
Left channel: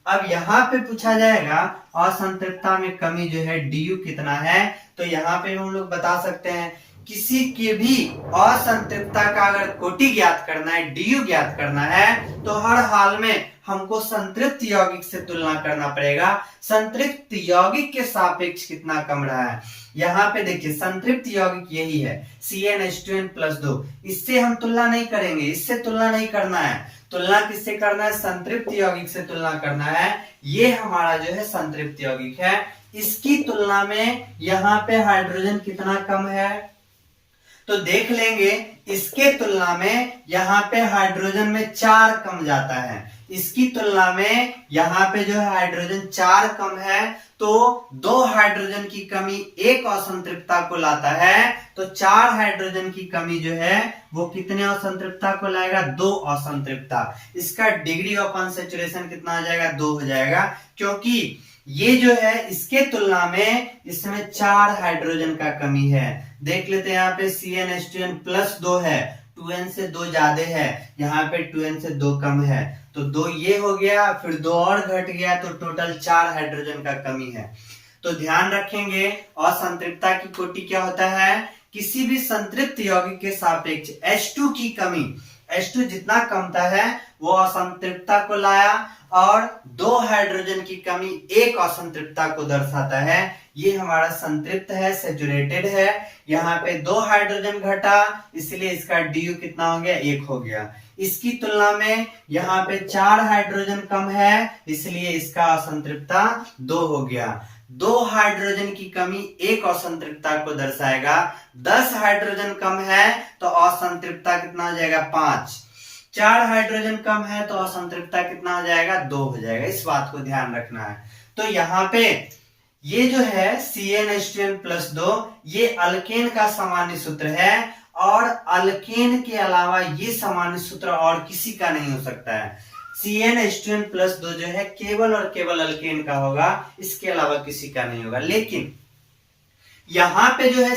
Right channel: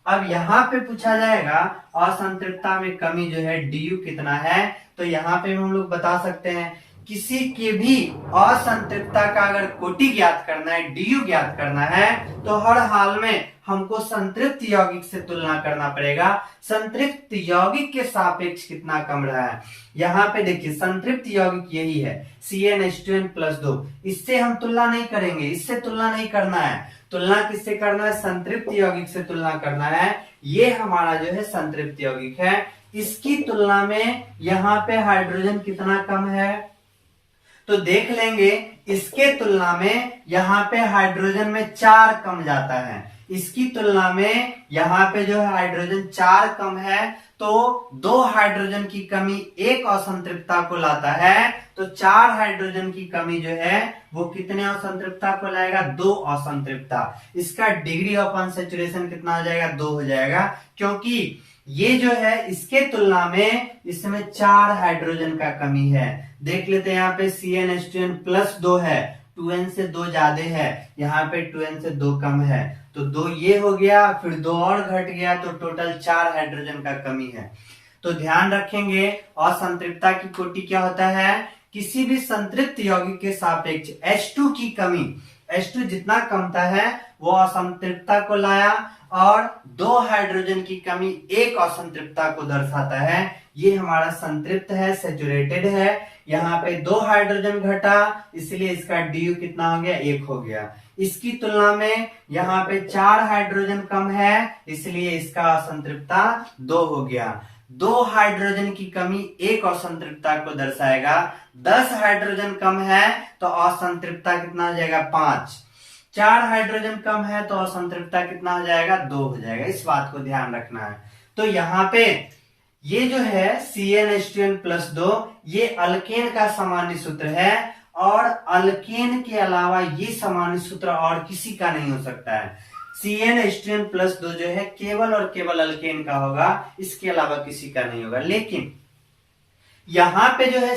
अब यहाँ पे पूछा जाएगा असंतृप्तता में कमी जो है DU कितना है, तो यहाँ पे हम लोग बता सकते हैं किसी के भी असंतृप्तता का अगर कोटि ज्ञात करना है, DU ज्ञात करना है, तो हर हाल में हमको संतृप्त यौगिक से तुलना करना पड़ेगा। संतृप्त यौगिक के सापेक्ष कितना कम रहा है, यहाँ पे देखिए संतृप्त यौगिक यही है CnH2n+2। इससे हम तुलना नहीं करेंगे, इससे तुलना नहीं करना है। तुलना किससे करना है, संतृप्त यौगिक से तुलना करना है। ये हमारा जो है संतृप्त यौगिक है, इसकी तुलना में यहाँ पे हाइड्रोजन कितना कम है, तो देख लेंगे इसके तुलना में यहाँ पे हाइड्रोजन में 4 कम जाता है। इसकी तुलना में यहाँ पे जो है हाइड्रोजन 4 कम है, तो 2 हाइड्रोजन की कमी 1 असंतृप्तता को लाता है, तो 4 हाइड्रोजन की कमी जो है वो कितने असंतृप्तता को लाएगा, 2 असंतृप्तता। इसका डिग्री ऑफ अनसैचुरेशन कितना आ जाएगा, 2 हो जाएगा, क्योंकि ये जो है इसके तुलना में इसमें 4 हाइड्रोजन का कमी है। देख लेते हैं, यहाँ पे CnH2n+2 है, 2n से 2 ज्यादा है, यहाँ पे 2n से 2 कम है, तो 2 ये हो गया, फिर 2 और घट गया, तो टोटल 4 हाइड्रोजन का कमी है। तो ध्यान रखेंगे असंतृप्तता की कोटि क्या होता है, किसी भी संतृप्त यौगिक के सापेक्ष H2 की कमी, H2 जितना कमता है वो असंतृप्तता को लाया, और 2 हाइड्रोजन की कमी एक असंतृप्तता को दर्शाता है। ये हमारा संतृप्त है, सैचुरेटेड है। यहाँ पे 2 हाइड्रोजन घटा, इसलिए इसका DU कितना हो गया, 1 हो गया। इसकी तुलना में यहाँ पे 4 हाइड्रोजन कम है, इसलिए इसका असंतृप्तता 2 हो गया। 2 हाइड्रोजन की कमी एक असंतृप्तता को दर्शाएगा। 10 हाइड्रोजन कम है तो असंतृप्तता कितना हो जाएगा, 5। 4 हाइड्रोजन कम है तो असंतृप्तता कितना हो जाएगा, 2 हो जाएगा। इस बात को ध्यान रखना है। तो यहाँ पे ये जो है CnH2n+2 ये अल्केन का सामान्य सूत्र है, और अल्केन के अलावा ये सामान्य सूत्र और किसी का नहीं हो सकता है। CnH2n+2 जो है केवल और केवल अल्केन का होगा, इसके अलावा किसी का नहीं होगा। लेकिन यहां पे जो है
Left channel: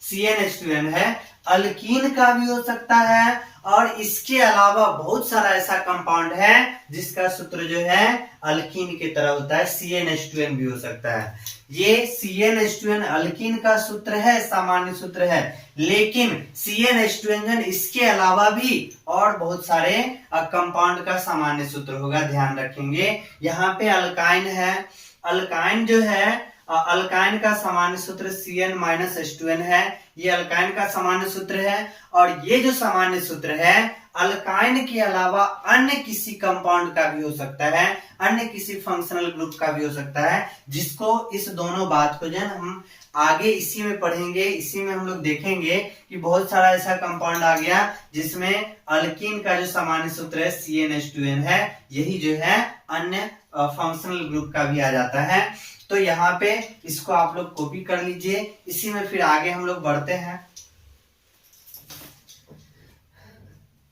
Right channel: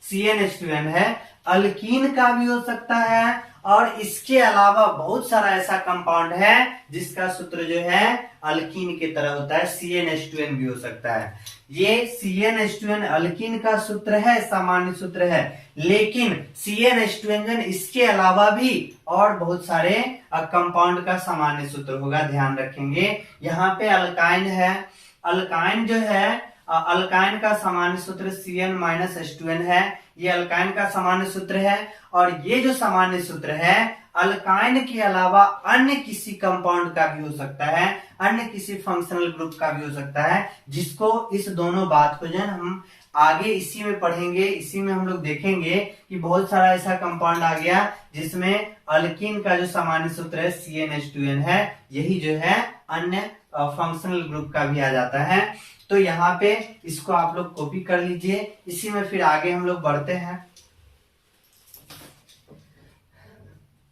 CnH2n है, अल्कीन का भी हो सकता है, और इसके अलावा बहुत सारा ऐसा कंपाउंड है जिसका सूत्र जो है अल्कीन की तरह होता है। CnH2n भी हो सकता है। ये CnH2n अल्कीन का सूत्र है, सामान्य सूत्र है, लेकिन CnH2n इसके अलावा भी और बहुत सारे कंपाउंड का सामान्य सूत्र होगा, ध्यान रखेंगे। यहाँ पे अल्काइन है, अल्काइन जो है अल्काइन का सामान्य सूत्र Cn-H2n है, ये अल्काइन का सामान्य सूत्र है। और ये जो सामान्य सूत्र है अल्काइन के अलावा अन्य किसी कंपाउंड का भी हो सकता है, अन्य किसी फंक्शनल ग्रुप का भी हो सकता है, जिसको इस दोनों बात को जो है हम आगे इसी में पढ़ेंगे। इसी में हम लोग देखेंगे कि बहुत सारा ऐसा कंपाउंड आ गया जिसमें अल्कीन का जो सामान्य सूत्र है CnH2n है, यही जो है अन्य फंक्शनल ग्रुप का भी आ जाता है। तो यहाँ पे इसको आप लोग कॉपी कर लीजिए। इसी में फिर आगे हम लोग बढ़ते हैं।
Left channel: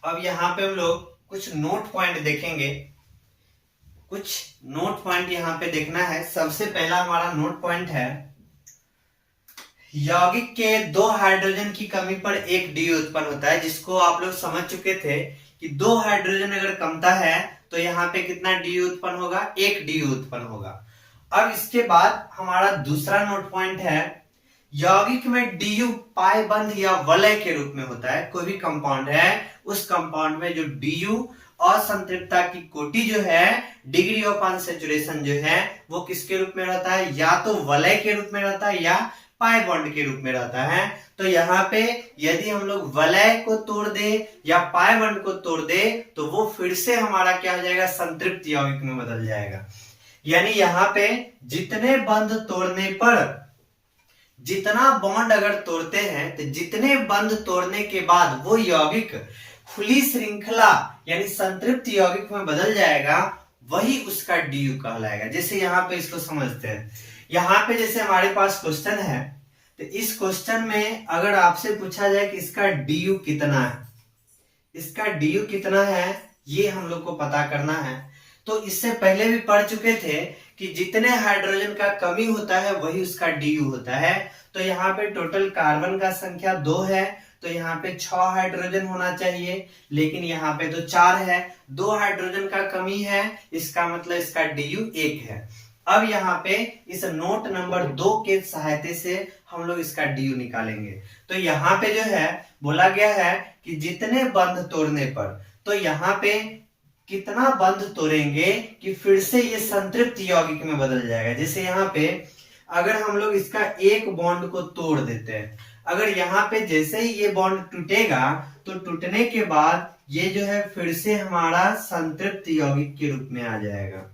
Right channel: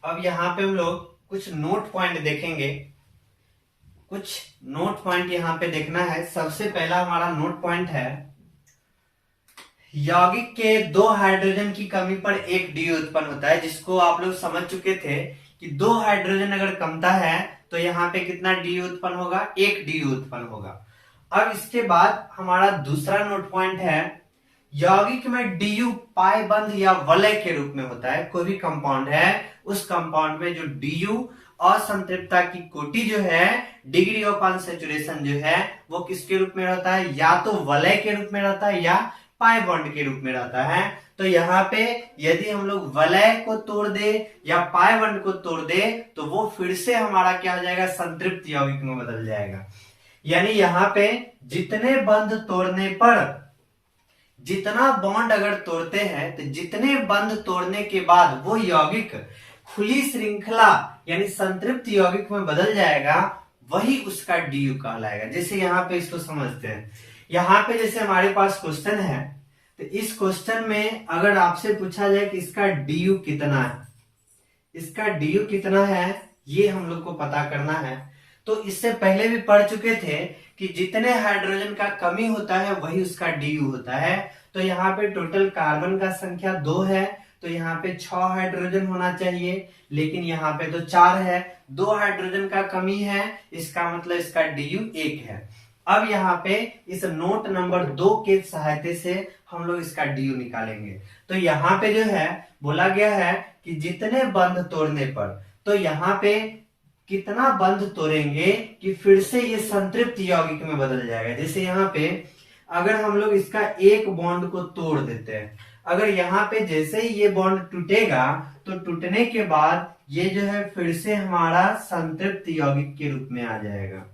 अब यहाँ पे हम लोग कुछ नोट पॉइंट देखेंगे, कुछ नोट पॉइंट यहाँ पे देखना है। सबसे पहला हमारा नोट पॉइंट है, यौगिक के 2 हाइड्रोजन की कमी पर एक DU उत्पन्न होता है, जिसको आप लोग समझ चुके थे कि 2 हाइड्रोजन अगर कमता है तो यहाँ पे कितना DU उत्पन्न होगा, 1 DU उत्पन्न होगा। अब इसके बाद हमारा दूसरा नोट पॉइंट है, यौगिक में DU पाई बंध या वलय के रूप में होता है। कोई भी कंपाउंड है, उस कंपाउंड में जो DU असंतृप्तता की कोटि जो है, डिग्री ऑफ अनसैचुरेशन जो है, वो किसके रूप में रहता है, या तो वलय के रूप में रहता है या पाई बॉन्ड के रूप में रहता है। तो यहाँ पे यदि हम लोग वलय को तोड़ दे या पाई बॉन्ड को तोड़ दे तो वो फिर से हमारा क्या हो जाएगा, संतृप्त यौगिक में बदल जाएगा। यानी यहाँ पे जितने बंध तोड़ने पर, जितना बॉन्ड अगर तोड़ते हैं तो जितने बंध तोड़ने के बाद वो यौगिक खुली श्रृंखला यानी संतृप्त यौगिक में बदल जाएगा, वही उसका DU कहलाएगा। जैसे यहाँ पे इसको समझते हैं। यहाँ पे जैसे हमारे पास क्वेश्चन है, तो इस क्वेश्चन में अगर आपसे पूछा जाए कि इसका DU कितना है, इसका DU कितना है, ये हम लोग को पता करना है। तो इससे पहले भी पढ़ चुके थे कि जितने हाइड्रोजन का कमी होता है वही उसका DU होता है। तो यहाँ पे टोटल कार्बन का संख्या 2 है, तो यहाँ पे 6 हाइड्रोजन होना चाहिए, लेकिन यहाँ पे तो 4 है। 2 हाइड्रोजन का कमी है, इसका मतलब इसका DU 1 है। अब यहाँ पे इस नोट नंबर 2 के सहायता से हम लोग इसका DU निकालेंगे। तो यहाँ पे जो है बोला गया है कि जितने बंध तोड़ने पर, तो यहाँ पे कितना बंध तोड़ेंगे कि फिर से ये संतृप्त यौगिक में बदल जाएगा। जैसे यहाँ पे अगर हम लोग इसका एक बॉन्ड को तोड़ देते हैं, अगर यहाँ पे जैसे ही ये बॉन्ड टूटेगा तो टूटने के बाद ये जो है फिर से हमारा संतृप्त यौगिक के रूप में आ जाएगा।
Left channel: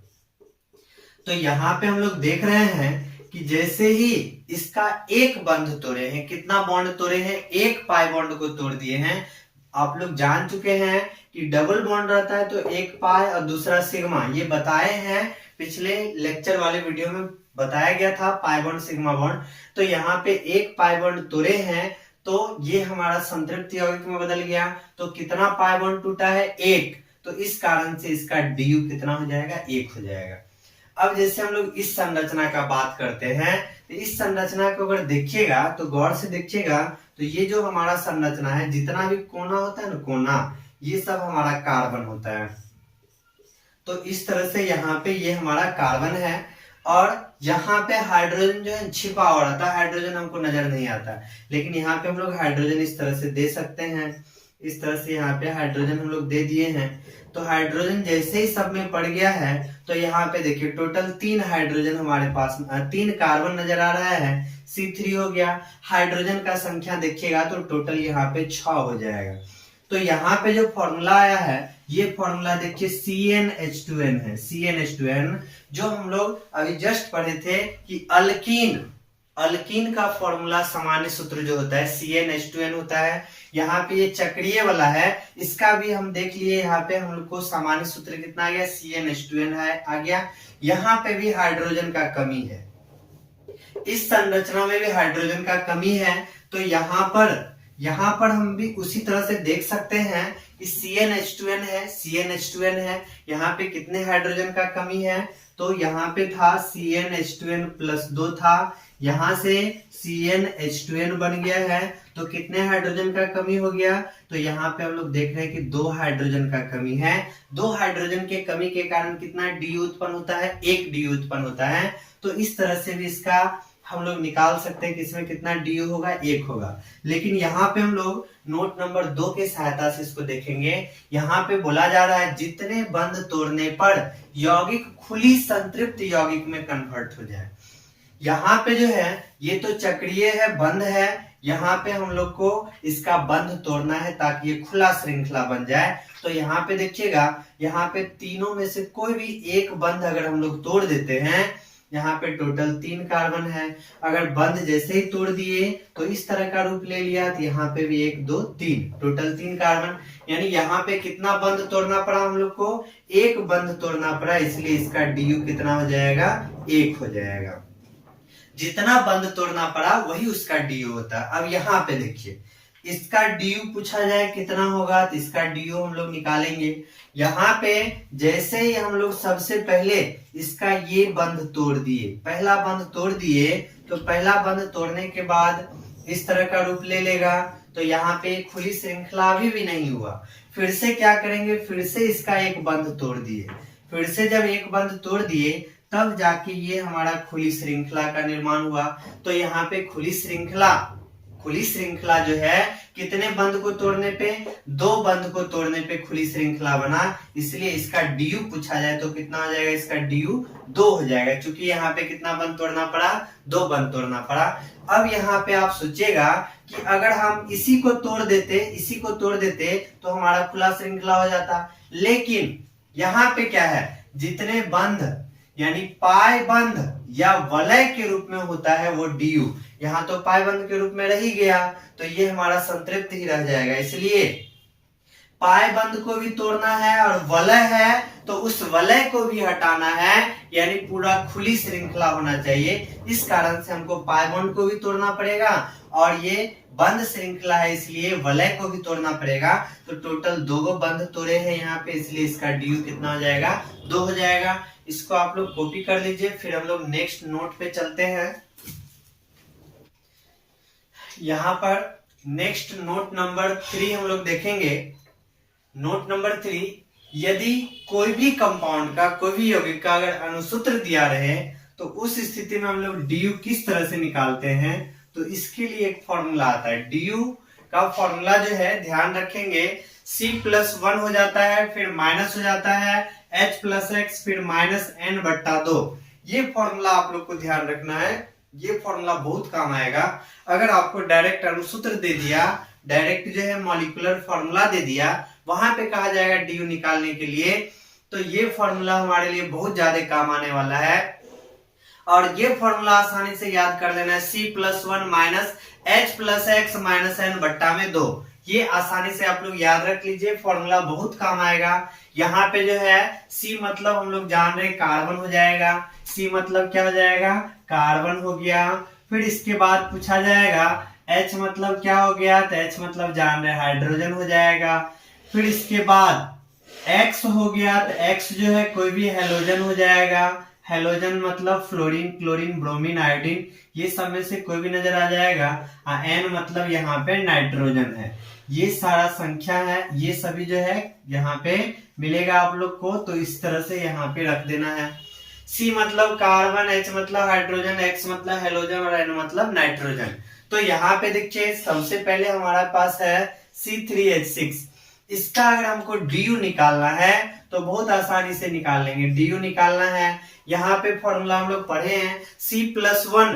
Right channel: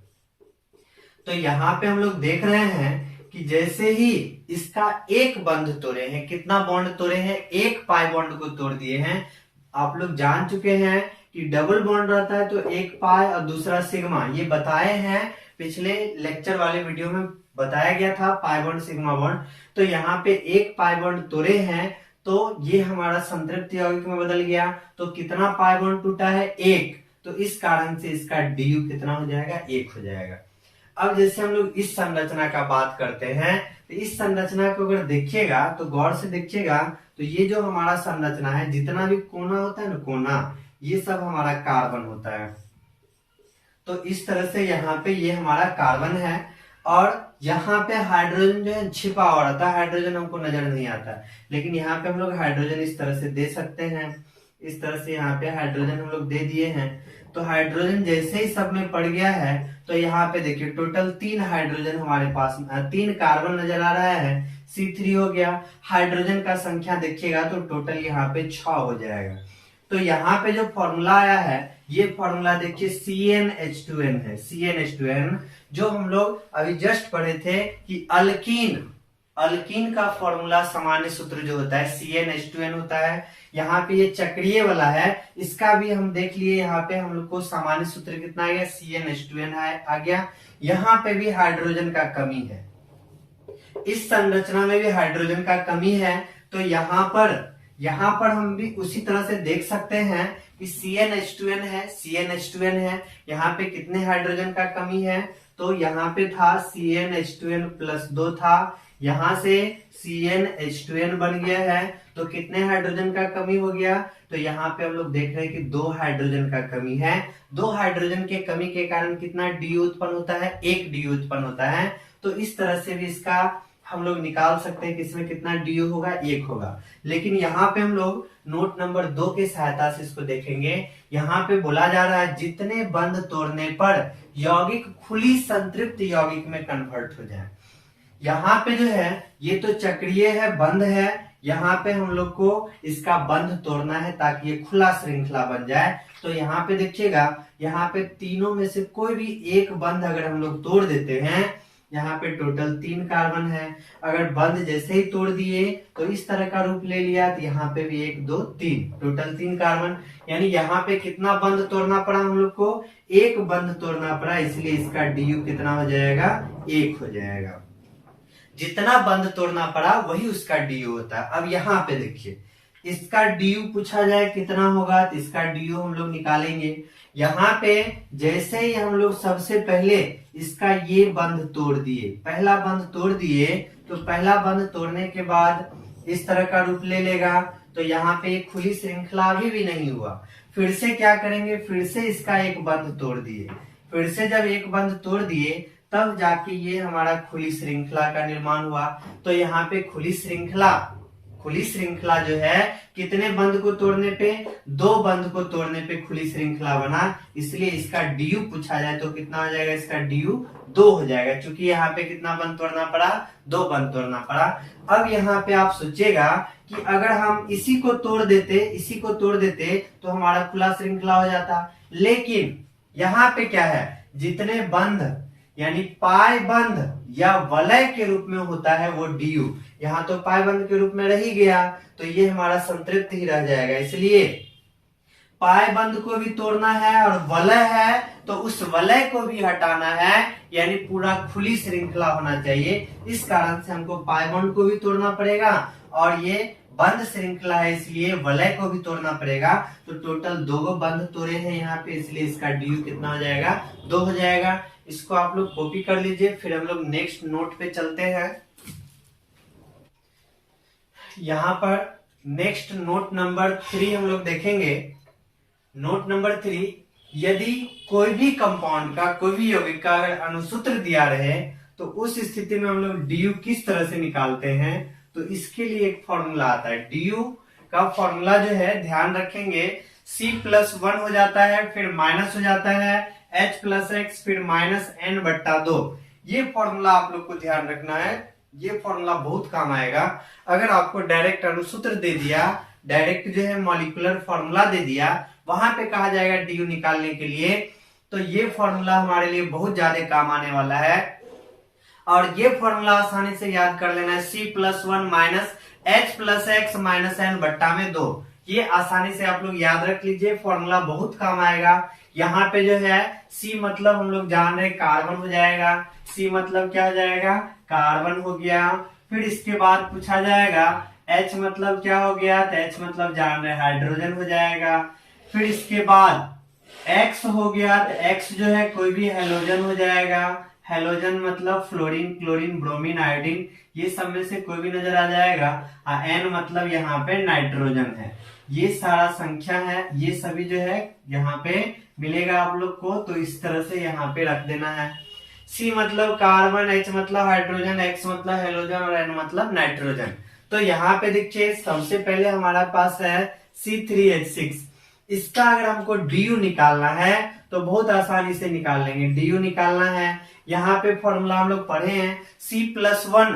तो यहाँ पे हम लोग देख रहे हैं कि जैसे ही इसका एक बंध तोड़े हैं, कितना बॉन्ड तोड़े हैं, एक पाई बॉन्ड को तोड़ दिए हैं। आप लोग जान चुके हैं कि डबल बॉन्ड रहता है तो एक पाई और दूसरा सिग्मा, ये बताए हैं पिछले लेक्चर वाले वीडियो में बताया गया था, पाई बॉन्ड सिग्मा बॉन्ड। तो यहाँ पे एक पाई बॉन्ड तोड़े हैं तो ये हमारा संतृप्त यौगिक में बदल गया। तो कितना पाई बॉन्ड टूटा है, 1। तो इस कारण से इसका DU कितना हो जाएगा, 1 हो जाएगा। अब जैसे हम लोग इस संरचना का बात करते हैं, तो इस संरचना को अगर देखिएगा तो गौर से देखिएगा, तो ये जो हमारा संरचना है, जितना भी कोना होता है ना, कोना, ये सब हमारा कार्बन होता है। तो इस तरह से यहाँ पे ये हमारा कार्बन है, और यहाँ पे हाइड्रोजन जो है छिपा हुआ रहता है, हाइड्रोजन हमको नजर नहीं आता, लेकिन यहाँ पे हम लोग हाइड्रोजन इस तरह से दे सकते हैं। इस तरह से यहाँ पे हाइड्रोजन हम लोग दे दिए हैं। तो हाइड्रोजन जैसे ही सब में पड़ गया है तो यहाँ पे देखिए टोटल 3 हाइड्रोजन हमारे पास 3 कार्बन नजर आ रहा है, C3 हो गया। हाइड्रोजन का संख्या देखिएगा तो टोटल यहाँ पे 6 हो जाएगा। तो यहाँ पे जो फॉर्मूला आया है ये फॉर्मूला देखिए CnH2n है। CnH2n जो हम लोग अभी जस्ट पढ़े थे कि अल्कीन का फॉर्मूला सामान्य सूत्र जो होता है CnH2n होता है। यहाँ पे ये चक्रीय वाला है, इसका भी हम देख लिए। यहाँ पे हम लोग को सामान्य सूत्र कितना आ गया, CnH2n है आ गया। यहाँ पे भी हाइड्रोजन का कमी है, इस संरचना में भी हाइड्रोजन का कमी है। तो यहाँ पर हम भी उसी तरह से देख सकते हैं कि CnH2n है। यहाँ पे कितने हाइड्रोजन का कमी है, तो यहाँ पे था CnH2n प्लस 2 था, यहाँ से CnH2n बन गया है। तो कितने हाइड्रोजन का कमी हो गया, तो यहाँ पे हम लोग देख रहे हैं कि 2 हाइड्रोजन का कमी है। 2 हाइड्रोजन के कमी के कारण कितना डी उत्पन्न होता है, 1 डी उत्पन्न होता है। तो इस तरह से भी इसका हम लोग निकाल सकते हैं कि इसमें कितना डी होगा, 1 होगा। लेकिन यहाँ पे हम लोग नोट नंबर 2 के सहायता से इसको देखेंगे। यहाँ पे बोला जा रहा है जितने बंध तोड़ने पर यौगिक खुली संतृप्त यौगिक में कन्वर्ट हो जाए। यहाँ पे जो है ये तो चक्रीय है, बंध है, यहाँ पे हम लोग को इसका बंध तोड़ना है ताकि ये खुला श्रृंखला बन जाए। तो यहाँ पे देखिएगा, यहाँ पे तीनों में से कोई भी एक बंध अगर हम लोग तोड़ देते हैं, यहाँ पे टोटल 3 कार्बन है, अगर बंध जैसे ही तोड़ दिए तो इस तरह का रूप ले लिया, तो यहाँ पे भी 1 2 3 टोटल 3 कार्बन। यानी यहाँ पे कितना बंध तोड़ना पड़ा हम लोग को, 1 बंध तोड़ना पड़ा, इसलिए इसका DU कितना हो जाएगा, 1 हो जाएगा। जितना बंध तोड़ना पड़ा वही उसका DU होता है। अब यहाँ पे देखिए इसका DU पूछा जाए कितना होगा, तो इसका DU हम लोग निकालेंगे। यहाँ पे जैसे ही हम लोग सबसे पहले इसका ये बंध तोड़ दिए, पहला बंध तोड़ दिए, तो पहला बंध तोड़ने के बाद इस तरह का रूप ले लेगा। तो यहाँ पे खुली श्रृंखला अभी भी नहीं हुआ, फिर से क्या करेंगे, फिर से इसका एक बंध तोड़ दिए। फिर से जब एक बंध तोड़ दिए तब जाके ये हमारा खुली श्रृंखला का निर्माण हुआ। तो यहाँ पे खुली श्रृंखला जो है कितने बंध को तोड़ने पे, 2 बंध को तोड़ने पे खुली श्रृंखला बना, इसलिए इसका DU पूछा जाए तो कितना हो जाएगा, इसका DU 2 हो जाएगा। क्योंकि यहाँ पे कितना बंध तोड़ना पड़ा, 2 बंध तोड़ना पड़ा। अब यहाँ पे आप सोचिएगा कि अगर हम इसी को तोड़ देते तो हमारा खुला श्रृंखला हो जाता। लेकिन यहाँ पे क्या है, जितने बंध यानी पाई बंध या वलय के रूप में होता है वो DU, यहाँ तो पाई बंध के रूप में रह ही गया, तो ये हमारा संतृप्त ही रह जाएगा। इसलिए पाई बंध को भी तोड़ना है और वलय है तो उस वलय को भी हटाना है, यानी पूरा खुली श्रृंखला होना चाहिए। इस कारण से हमको पाई बंध को भी तोड़ना पड़ेगा और ये बंध श्रृंखला है इसलिए वलय को भी तोड़ना पड़ेगा। तो टोटल 2 बंध तोड़े हैं यहाँ पे, इसलिए इसका DU कितना हो जाएगा, 2 हो जाएगा। इसको आप लोग कॉपी कर लीजिए, फिर हम लोग नेक्स्ट नोट पे चलते हैं। यहाँ पर नेक्स्ट नोट नंबर 3 हम लोग देखेंगे। नोट नंबर 3, यदि कोई भी कंपाउंड का, कोई भी यौगिक का अगर अणुसूत्र दिया रहे तो उस स्थिति में हम लोग DU किस तरह से निकालते हैं, तो इसके लिए एक फॉर्मूला आता है। DU का फॉर्मूला जो है ध्यान रखेंगे, C+1 हो जाता है, फिर माइनस हो जाता है H+X, फिर -N/2। ये फॉर्मूला आप लोग को ध्यान रखना है, ये फॉर्मूला बहुत काम आएगा। अगर आपको डायरेक्ट अणुसूत्र दे दिया, डायरेक्ट जो है मॉलिक्यूलर फॉर्मूला दे दिया, वहां पे कहा जाएगा DU निकालने के लिए, तो ये फॉर्मूला हमारे लिए बहुत ज्यादा काम आने वाला है। और ये फॉर्मूला आसानी से याद कर लेना है, C+1 -H+X -N/2। ये आसानी से आप लोग याद रख लीजिए, फॉर्मूला बहुत काम आएगा। यहाँ पे जो है C मतलब हम लोग जान रहे कार्बन हो जाएगा, C मतलब क्या हो जाएगा, कार्बन हो गया। फिर इसके बाद पूछा जाएगा H मतलब क्या हो गया, तो H मतलब जान रहे हाइड्रोजन हो जाएगा। फिर इसके बाद X हो गया, तो X जो है कोई भी हेलोजन हो जाएगा। हेलोजन मतलब फ्लोरीन, क्लोरीन, ब्रोमीन, आयोडीन, ये सब में से कोई भी नजर आ जाएगा। N मतलब यहाँ पे नाइट्रोजन है। ये सारा संख्या है, ये सभी जो है यहाँ पे मिलेगा आप लोग को, तो इस तरह से यहाँ पे रख देना है। C मतलब कार्बन, H मतलब हाइड्रोजन, X मतलब हेलोजन और N मतलब नाइट्रोजन। तो यहाँ पे देखिए सबसे पहले हमारे पास है C3H6। इसका अगर हमको डी निकालना है तो बहुत आसानी से निकाल लेंगे। डी निकालना है, यहाँ पे फॉर्मूला हम लोग पढ़े हैं, C+1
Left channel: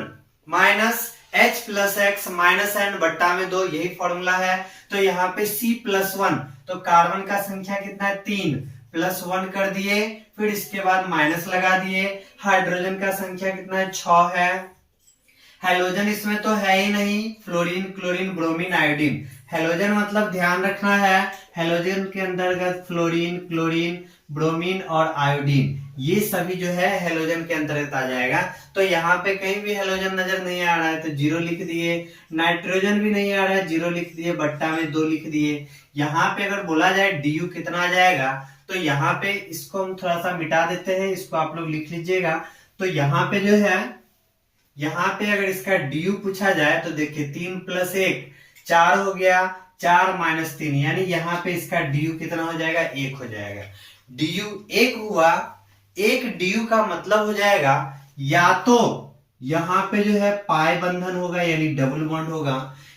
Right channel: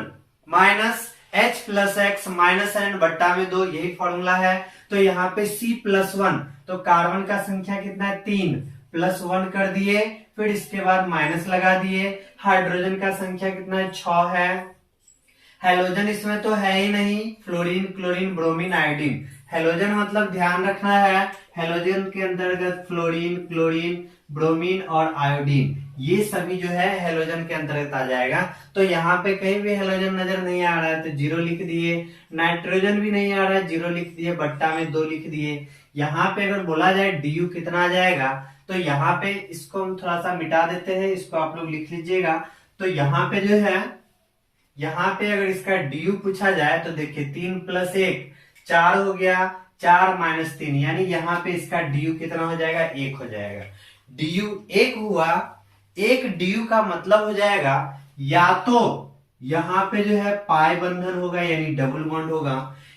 minus H plus X minus N बट्टा में 2, यही फॉर्मूला है। तो यहाँ पे C+1, तो कार्बन का संख्या कितना है 3, +1 कर दिए, फिर इसके बाद माइनस लगा दिए। हाइड्रोजन का संख्या कितना है 6 है। हेलोजन इसमें तो है ही नहीं, fluorine, chlorine, bromine, iodine. Halogen मतलब ध्यान रखना है, हेलोजन के अंतर्गत फ्लोरीन, क्लोरीन, ब्रोमीन और आयोडीन, ये सभी जो है हेलोजन के अंतर्गत आ जाएगा। तो यहाँ पे कहीं भी हेलोजन नजर नहीं आ रहा है तो 0 लिख दिए। नाइट्रोजन भी नहीं आ रहा है, 0 लिख दिए, बट्टा में 2 लिख दिए। यहाँ पे अगर बोला जाए डी कितना आ जाएगा, तो यहाँ पे इसको हम थोड़ा सा मिटा देते हैं, इसको आप लोग लिख लीजिएगा। तो यहाँ पे जो है, यहाँ पे अगर इसका डी पूछा जाए तो देखिए 3 + 1 4 हो गया, 4 - 3, यानी यहाँ पे इसका डी कितना हो जाएगा 1 हो जाएगा। डी 1 हुआ, एक डी का मतलब हो जाएगा या तो यहाँ पे जो है पाई बंधन होगा यानी डबल बॉन्ड होगा।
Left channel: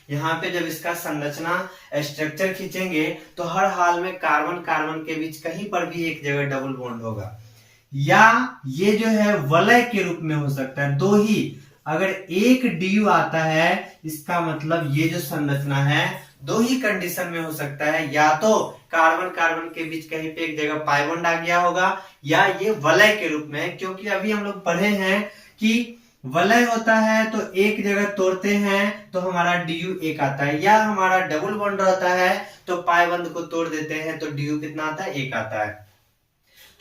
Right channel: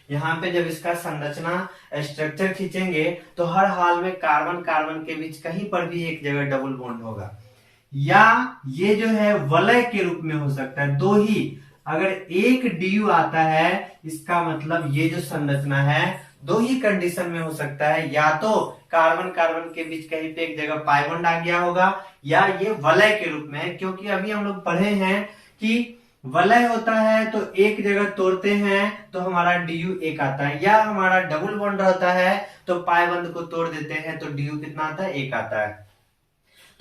यहाँ पे जब इसका संरचना स्ट्रक्चर खींचेंगे तो हर हाल में कार्बन कार्बन के बीच कहीं पर भी एक जगह डबल बॉन्ड होगा, या ये जो है वलय के रूप में हो सकता है। दो ही, अगर एक डी आता है इसका मतलब ये जो संरचना है दो ही कंडीशन में हो सकता है, या तो कार्बन कार्बन के बीच कहीं पे एक जगह पाई बॉन्ड आ गया होगा, या ये वलय के रूप में है। क्योंकि अभी हम लोग पढ़े हैं कि वलय होता है तो एक जगह तोड़ते हैं तो हमारा डी 1 आता है, या हमारा डबल बॉन्ड होता है तो पाई बंध को तोड़ देते हैं तो डी कितना आता है 1 आता है।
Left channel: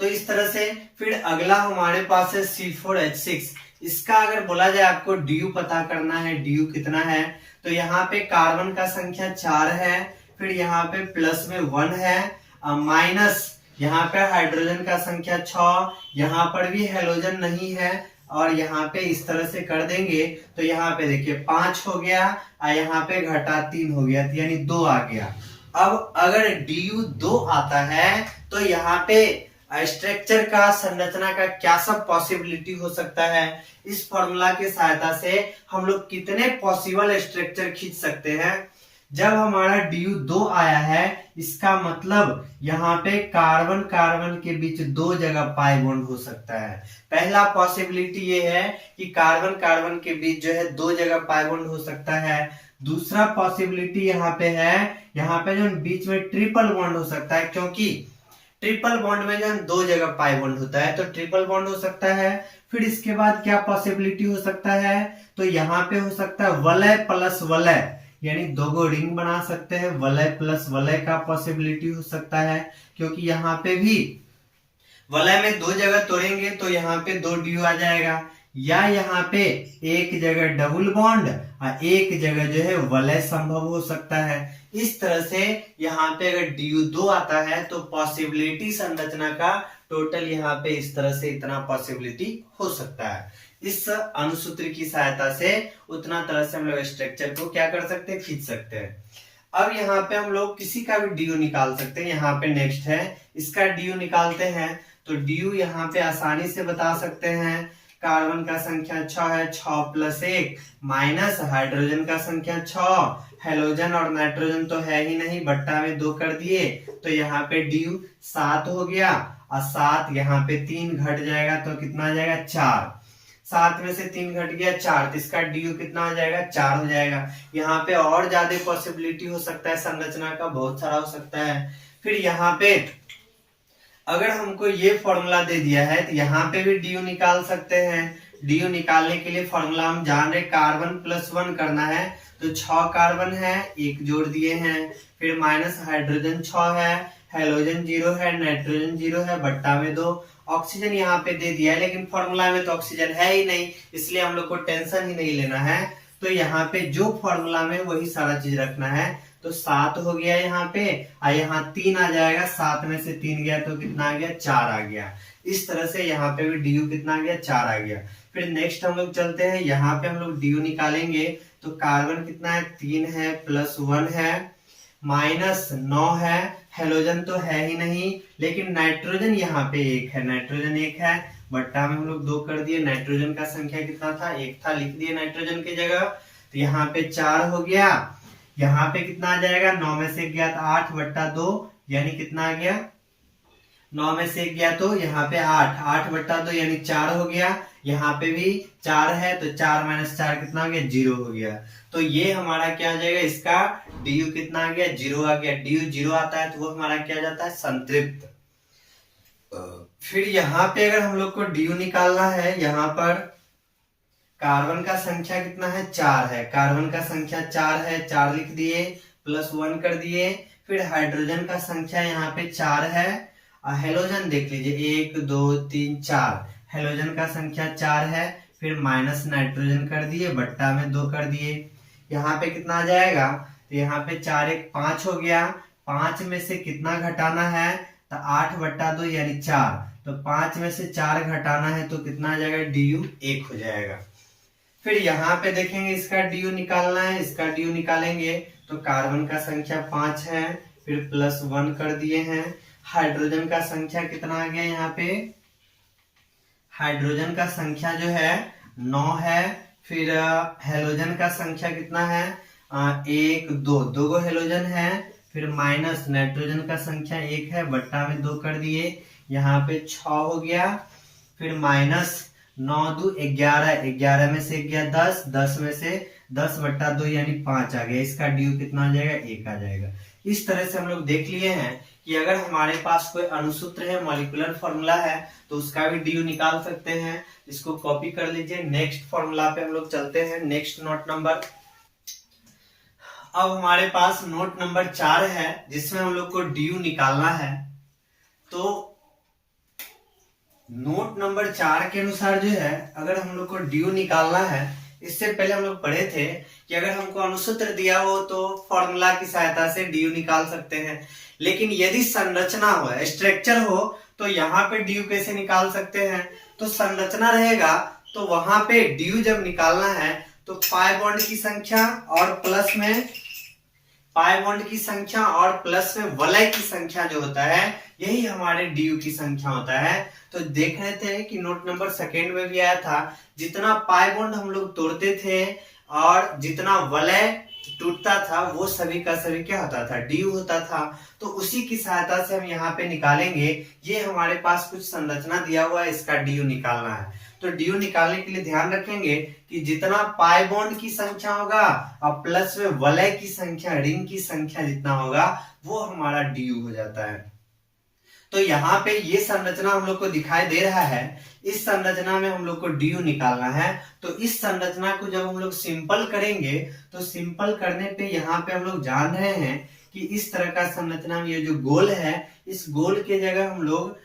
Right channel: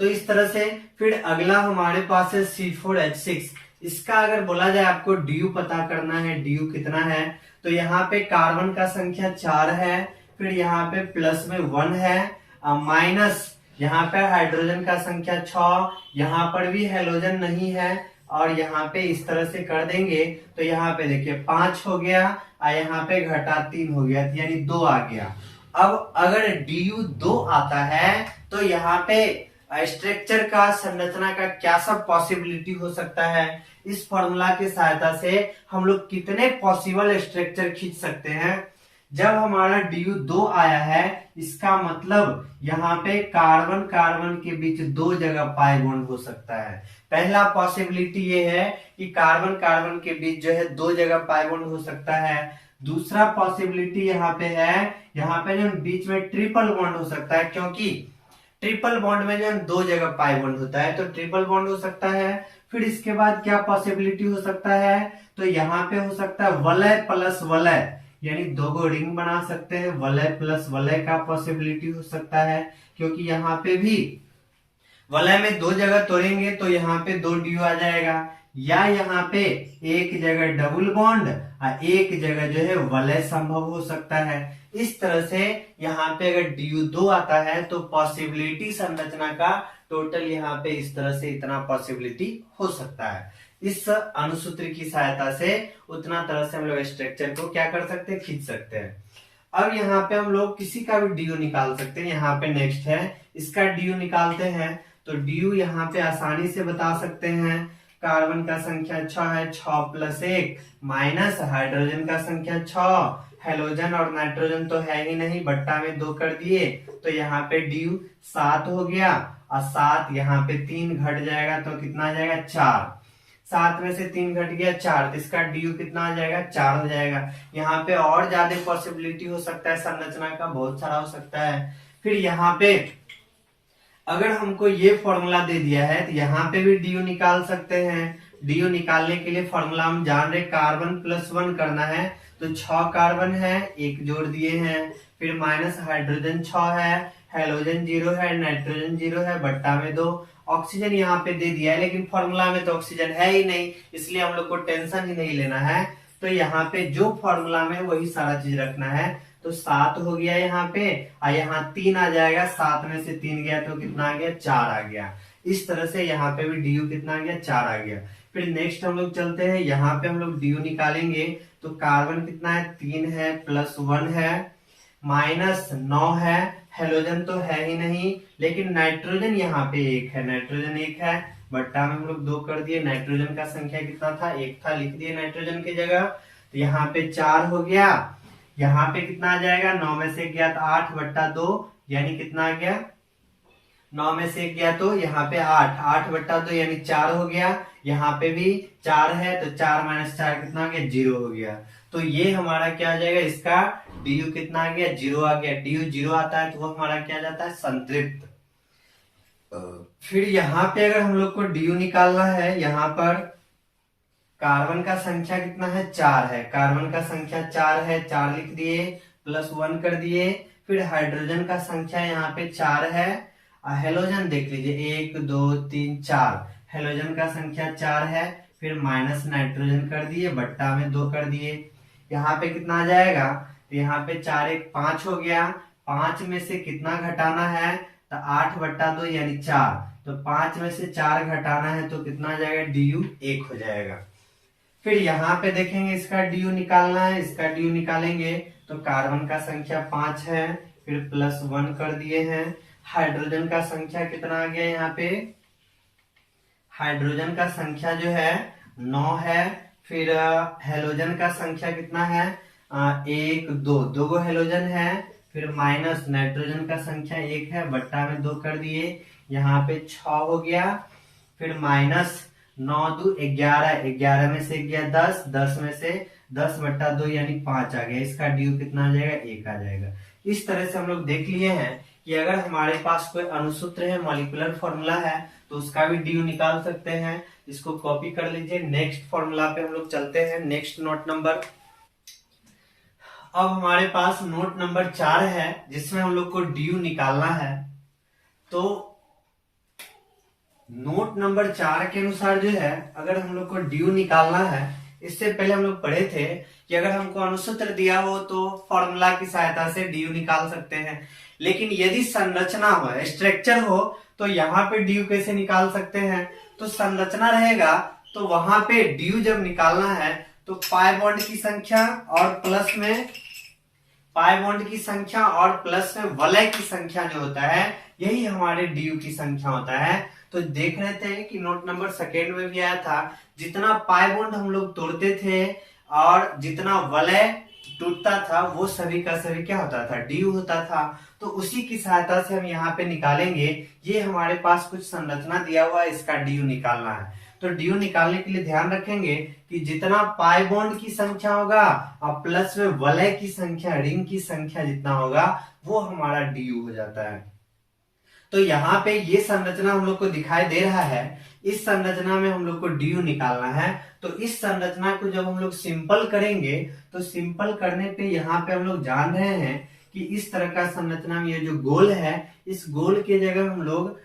तो इस तरह से फिर अगला हमारे पास है C4H6। इसका अगर बोला जाए आपको डी पता करना है, डी कितना है, तो यहाँ पे कार्बन का संख्या 4 है, फिर यहाँ पे प्लस में 1 है, माइनस यहाँ पे हाइड्रोजन का संख्या 6, यहाँ पर भी हेलोजन नहीं है, और यहाँ पे इस तरह से कर देंगे तो यहाँ पे देखिए 5 हो गया और यहाँ पे घटा 3 हो गया, यानी 2 आ गया। अब अगर डी 2 आता है तो यहाँ पे स्ट्रक्चर का, संरचना का क्या सब पॉसिबिलिटी हो सकता है। इस फॉर्मूला की सहायता से हम लोग कितने पॉसिबल स्ट्रक्चर खींच सकते हैं। जब हमारा डी 2 आया है इसका मतलब यहाँ पे कार्बन कार्बन के बीच 2 जगह पाई बॉन्ड हो सकता है। पहला पॉसिबिलिटी ये है कि कार्बन कार्बन के बीच जो है 2 जगह पाई बॉन्ड हो सकता है। दूसरा पॉसिबिलिटी यहाँ पे है, यहाँ पे जो बीच में ट्रिपल बॉन्ड हो सकता है, क्योंकि ट्रिपल बॉन्ड में जो है 2 जगह पाई बॉन्ड होता है तो ट्रिपल बॉन्ड हो सकता है। फिर इसके बाद क्या पॉसिबिलिटी हो सकता है, तो यहाँ पे हो सकता है वलय प्लस वलय, यानी 2 रिंग बना सकते हैं, वलय प्लस वलय का पॉसिबिलिटी हो सकता है, क्योंकि यहाँ पे भी वलय में 2 जगह तोड़ेंगे तो यहाँ पे 2 डी आ जाएगा, या यहाँ पे एक जगह डबल बॉन्ड और एक जगह जो है वलय संभव हो सकता है। इस तरह से यहाँ पे अगर डी 2 आता है तो पॉसिबिलिटी संरचना का टोटल यहाँ पे इस तरह से इतना पॉसिबिलिटी हो सकता है। इस अनुसूत्र की सहायता से उतना तरह से हम लोग स्ट्रक्चर को क्या कर सकते हैं, खींच सकते हैं। अब यहाँ पे हम लोग किसी का भी डी निकाल सकते हैं। यहाँ पे नेक्स्ट है, इसका डी निकालते हैं तो डी यहाँ पे आसानी से बता सकते हैं। कार्बन का संख्या 6 है, 6 + 1 माइनस हाइड्रोजन का संख्या 6, हेलोजन और नाइट्रोजन तो है ही नहीं, बट्टा में 2 कर दिए तो यहाँ पे डी 7 हो गया, और 7 यहाँ पे 3 घट जाएगा तो कितना आ जाएगा 4। 7 में से 3 घट गया 4, तो इसका डी कितना आ जाएगा 4 हो जाएगा। यहाँ पे और ज्यादा पॉसिबिलिटी हो सकता है, संरचना का बहुत सारा हो सकता है। फिर यहाँ पे अगर हमको ये फॉर्मूला दे दिया है तो यहाँ पे भी डी निकाल सकते हैं। डी निकालने के लिए फॉर्मूला हम जान रहे, कार्बन +1 करना है तो 6 कार्बन है, 1 जोड़ दिए हैं, फिर माइनस हाइड्रोजन 6 है, हेलोजन 0 है, नाइट्रोजन 0 है, बट्टा में 2, ऑक्सीजन यहाँ पे दे दिया है, लेकिन फॉर्मूला में तो ऑक्सीजन है ही नहीं, इसलिए हम लोग को टेंशन ही नहीं लेना है। तो यहाँ पे जो फॉर्मूला में वही सारा चीज रखना है। तो 7 हो गया यहाँ पे, और यहाँ 3 आ जाएगा, 7 में से 3 गया तो कितना आ गया 4 आ गया। इस तरह से यहाँ पे भी डी कितना आ गया 4 आ गया। फिर नेक्स्ट हम लोग चलते हैं, यहाँ पे हम लोग डी निकालेंगे तो कार्बन कितना है 3 है, +1 है, -9 है, हेलोजन तो है ही नहीं, लेकिन नाइट्रोजन यहाँ पे 1 है, नाइट्रोजन 1 है, बट्टा में हम लोग 2 कर दिए। नाइट्रोजन का संख्या कितना था 1 था, लिख दिए नाइट्रोजन की जगह, तो यहाँ पे 4 हो गया। यहाँ पे कितना आ जाएगा, 9 में से गया 8 बट्टा 2, यानी कितना आ गया, 9 में से 1 गया तो यहाँ पे 8, 8/2 यानी 4 हो गया। यहाँ पे भी 4 है तो 4 - 4 कितना हो गया, 0 हो गया। तो ये हमारा क्या आ जाएगा, इसका du कितना आ गया, 0 आ गया। du 0 आता है तो वो हमारा क्या आ जाता है, संतृप्त। फिर यहाँ पे अगर हम लोग को du निकालना है, यहाँ पर कार्बन का संख्या कितना है, 4 है। कार्बन का संख्या 4 है, 4 लिख दिए, +1 कर दिए। फिर हाइड्रोजन का संख्या यहाँ पे 4 है। हेलोजन देख लीजिए, 1 2 3 4, हेलोजन का संख्या 4 है। फिर माइनस नाइट्रोजन कर दिए, बट्टा में 2 कर दिए। यहाँ पे कितना आ जाएगा, तो यहाँ पे 4 1 5 हो गया। 5 में से कितना घटाना है, तो 8/2 यानी 4। तो 5 में से 4 घटाना है तो कितना आ जाएगा, du 1 हो जाएगा। फिर यहाँ पे देखेंगे इसका du निकालना है, इसका du निकालेंगे तो कार्बन का संख्या 5 है, फिर +1 कर दिए हैं। हाइड्रोजन का संख्या कितना आ गया, यहाँ पे हाइड्रोजन का संख्या जो है 9 है। फिर हेलोजन का संख्या कितना है, 1 2, 2 गो हेलोजन है। फिर माइनस नाइट्रोजन का संख्या 1 है, बट्टा में 2 कर दिए, यहाँ पे 6 हो गया। फिर माइनस 9 2 11, 11 में से 1 गया 10, 10 में से 10/2 यानी 5 आ गया। इसका ड्यू कितना आ जाएगा, 1 आ जाएगा। इस तरह से हम लोग देख लिए हैं कि अगर हमारे पास कोई अणुसूत्र है, मॉलिक्यूलर फॉर्मूला है, तो उसका भी ड्यू निकाल सकते हैं। इसको कॉपी कर लीजिए। नेक्स्ट फॉर्मूला पे हम लोग चलते हैं, नेक्स्ट नोट नंबर। अब हमारे पास नोट नंबर 4 है, जिसमें हम लोग को ड्यू निकालना है। तो नोट नंबर 4 के अनुसार जो है, अगर हम लोग को ड्यू निकालना है, इससे पहले हम लोग पढ़े थे कि अगर हमको अणुसूत्र दिया हो तो फॉर्मूला की सहायता से ड्यू निकाल सकते हैं। लेकिन यदि संरचना हो, स्ट्रक्चर हो, तो यहाँ पे ड्यू कैसे निकाल सकते हैं, तो संरचना रहेगा तो वहां पे ड्यू जब निकालना है तो पाई बॉन्ड की संख्या और प्लस में वलय की संख्या जो होता है, यही हमारे ड्यू की संख्या होता है। तो देख रहे थे कि नोट नंबर 2 में भी आया था, जितना पाई बॉन्ड हम लोग तोड़ते थे और जितना वलय टूटता था, वो सभी का सभी क्या होता था, ड्यू होता था। तो उसी की सहायता से हम यहाँ पे निकालेंगे। ये हमारे पास कुछ संरचना दिया हुआ है, इसका ड्यू निकालना है। तो ड्यू निकालने के लिए ध्यान रखेंगे कि जितना पाई बॉन्ड की संख्या होगा और प्लस में वलय की संख्या, रिंग की संख्या जितना होगा, वो हमारा ड्यू हो जाता है। तो यहाँ पे ये संरचना हम लोग को दिखाई दे रहा है। इस संरचना में हम लोग को ड्यू निकालना है। तो इस संरचना को जब हम लोग सिंपल करेंगे, तो सिंपल करने पे यहाँ पे हम लोग जान रहे हैं कि इस तरह का संरचना में ये जो गोल है, इस गोल के जगह हम लोग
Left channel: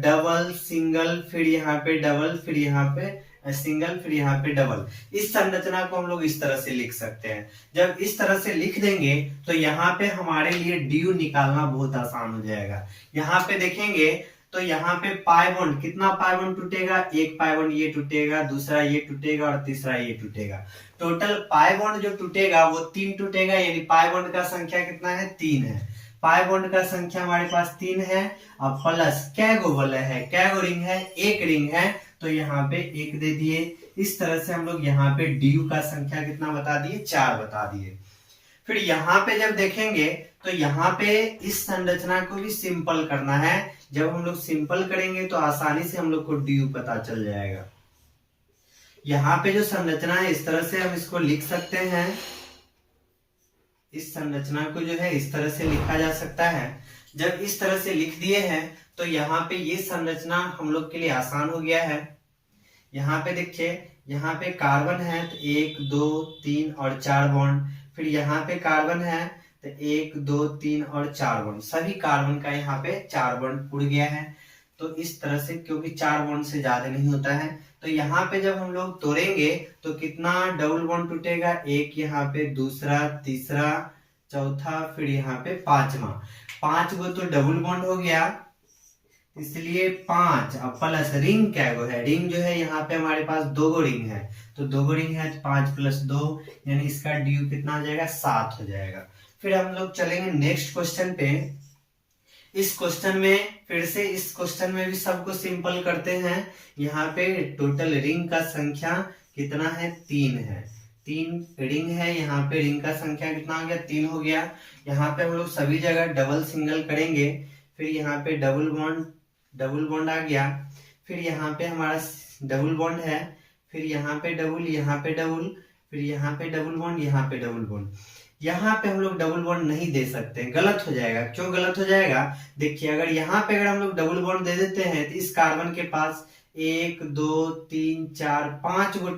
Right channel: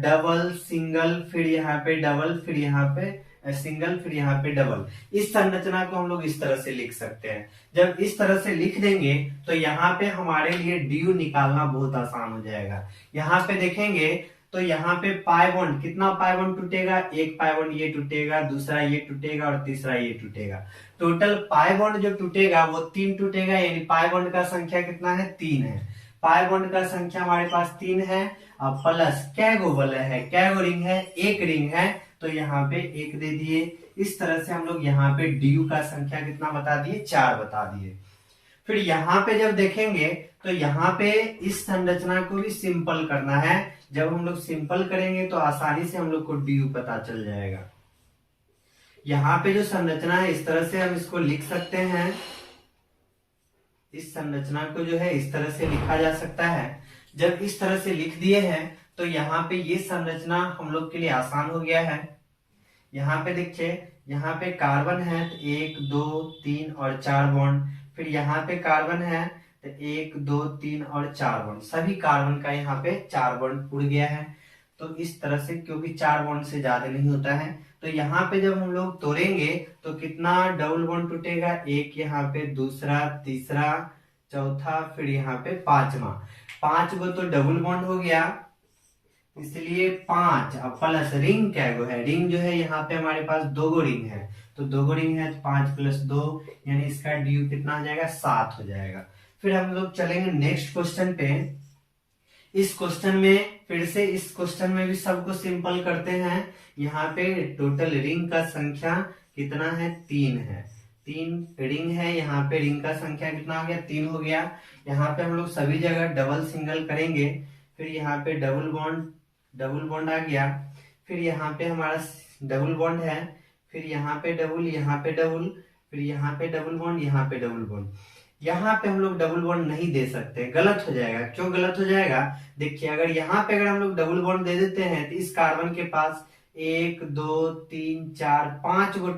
डबल, सिंगल, फिर यहाँ पे डबल, फिर यहाँ पे सिंगल, फिर यहाँ पे डबल, इस संरचना को हम लोग इस तरह से लिख सकते हैं। जब इस तरह से लिख देंगे तो यहाँ पे हमारे लिए ड्यू निकालना बहुत आसान हो जाएगा। यहाँ पे देखेंगे तो यहाँ पे पाई बॉन्ड, कितना पाई बॉन्ड टूटेगा, एक पाई बॉन्ड ये टूटेगा, दूसरा ये टूटेगा और तीसरा ये टूटेगा। टोटल पाई बॉन्ड जो टूटेगा वो 3 टूटेगा, यानी पाई बॉन्ड का संख्या कितना है, 3 है। पाई बॉन्ड का संख्या हमारे पास 3 है। अब प्लस क्या गो वलय है, क्या गो रिंग है, एक रिंग है, तो यहाँ पे 1 दे दिए। इस तरह से हम लोग यहाँ पे ड्यू का संख्या कितना बता दिए, 4 बता दिए। फिर यहाँ पे जब देखेंगे तो यहाँ पे इस संरचना को भी सिंपल करना है। जब हम लोग सिंपल करेंगे तो आसानी से हम लोग को ड्यू पता चल जाएगा। यहाँ पे जो संरचना है, इस तरह से हम इसको लिख सकते हैं। इस संरचना को जो है इस तरह से लिखा जा सकता है। जब इस तरह से लिख दिए हैं तो यहाँ पे ये संरचना हम लोग के लिए आसान हो गया है। यहाँ पे देखिए, यहाँ पे कार्बन है तो 1 2 3 और 4 बॉन्ड, फिर यहाँ पे कार्बन है तो 1 2 3 और 4 बॉन्ड, सभी कार्बन का यहाँ पे 4 बॉन्ड उड़ गया है। तो इस तरह से, क्योंकि 4 बॉन्ड से ज्यादा नहीं होता है, तो यहाँ पे जब हम लोग तोड़ेंगे तो कितना डबल बॉन्ड टूटेगा, एक यहाँ पे, दूसरा, तीसरा, चौथा, फिर यहाँ पे 5वां। 5 गो तो डबल बॉन्ड हो गया, इसलिए 5। अब प्लस रिंग क्या गो है, रिंग जो है यहाँ पे हमारे पास 2 गो रिंग है, तो 2 गो रिंग है तो 5 + 2, यानी इसका ड्यू कितना हो जाएगा, 7 हो जाएगा। फिर हम लोग चलेंगे नेक्स्ट क्वेश्चन पे। इस क्वेश्चन में फिर से, इस क्वेश्चन में भी सबको सिंपल करते हैं। यहाँ पे टोटल रिंग का संख्या कितना है, 3 है। 3 रिंग है, यहाँ पे रिंग का संख्या कितना हो गया 3 हो गया। यहाँ पे हम लोग सभी जगह डबल सिंगल करेंगे, फिर यहाँ पे डबल बॉन्ड आ गया, फिर यहाँ पे हमारा डबल बॉन्ड है, फिर यहाँ पे डबल, यहाँ पे डबल, फिर यहाँ पे डबल बॉन्ड, यहाँ पे डबल बॉन्ड। यहाँ पे हम लोग डबल बॉन्ड नहीं दे सकते, गलत हो जाएगा। क्यों गलत हो जाएगा? देखिए अगर यहाँ पे अगर हम लोग डबल बॉन्ड दे देते हैं तो इस कार्बन के पास 1 2 3 4 5 गो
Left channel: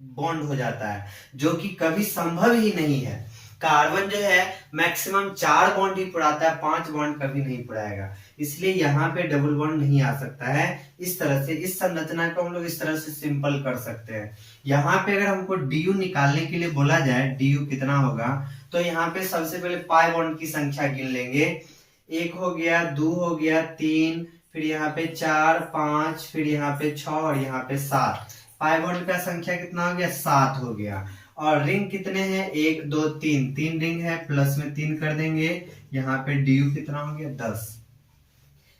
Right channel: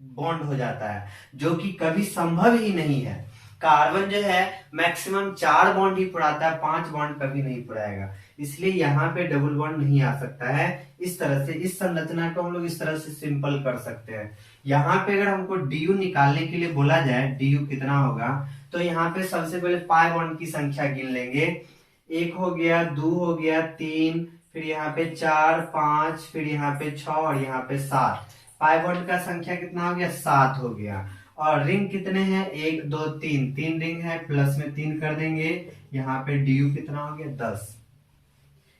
बॉन्ड हो जाता है, जो कि कभी संभव ही नहीं है। कार्बन जो है मैक्सिमम 4 बॉन्ड ही पुराता है, 5 बॉन्ड कभी नहीं पुराएगा, इसलिए यहाँ पे डबल बॉन्ड नहीं आ सकता है। इस तरह से इस संरचना को हम लोग इस तरह से सिंपल कर सकते हैं। यहाँ पे अगर हमको डी निकालने के लिए बोला जाए डी कितना होगा, तो यहाँ पे सबसे पहले पाई बॉन्ड की संख्या गिन लेंगे। 1 हो गया, 2 हो गया, 3, फिर यहाँ पे 4 5, फिर यहाँ पे 6 और यहाँ पे 7। पाई बॉन्ड का संख्या कितना हो गया 7 हो गया। और रिंग कितने हैं 1 2 3, 3 रिंग है, प्लस में 3 कर देंगे। यहाँ पे डी कितना हो गया 10,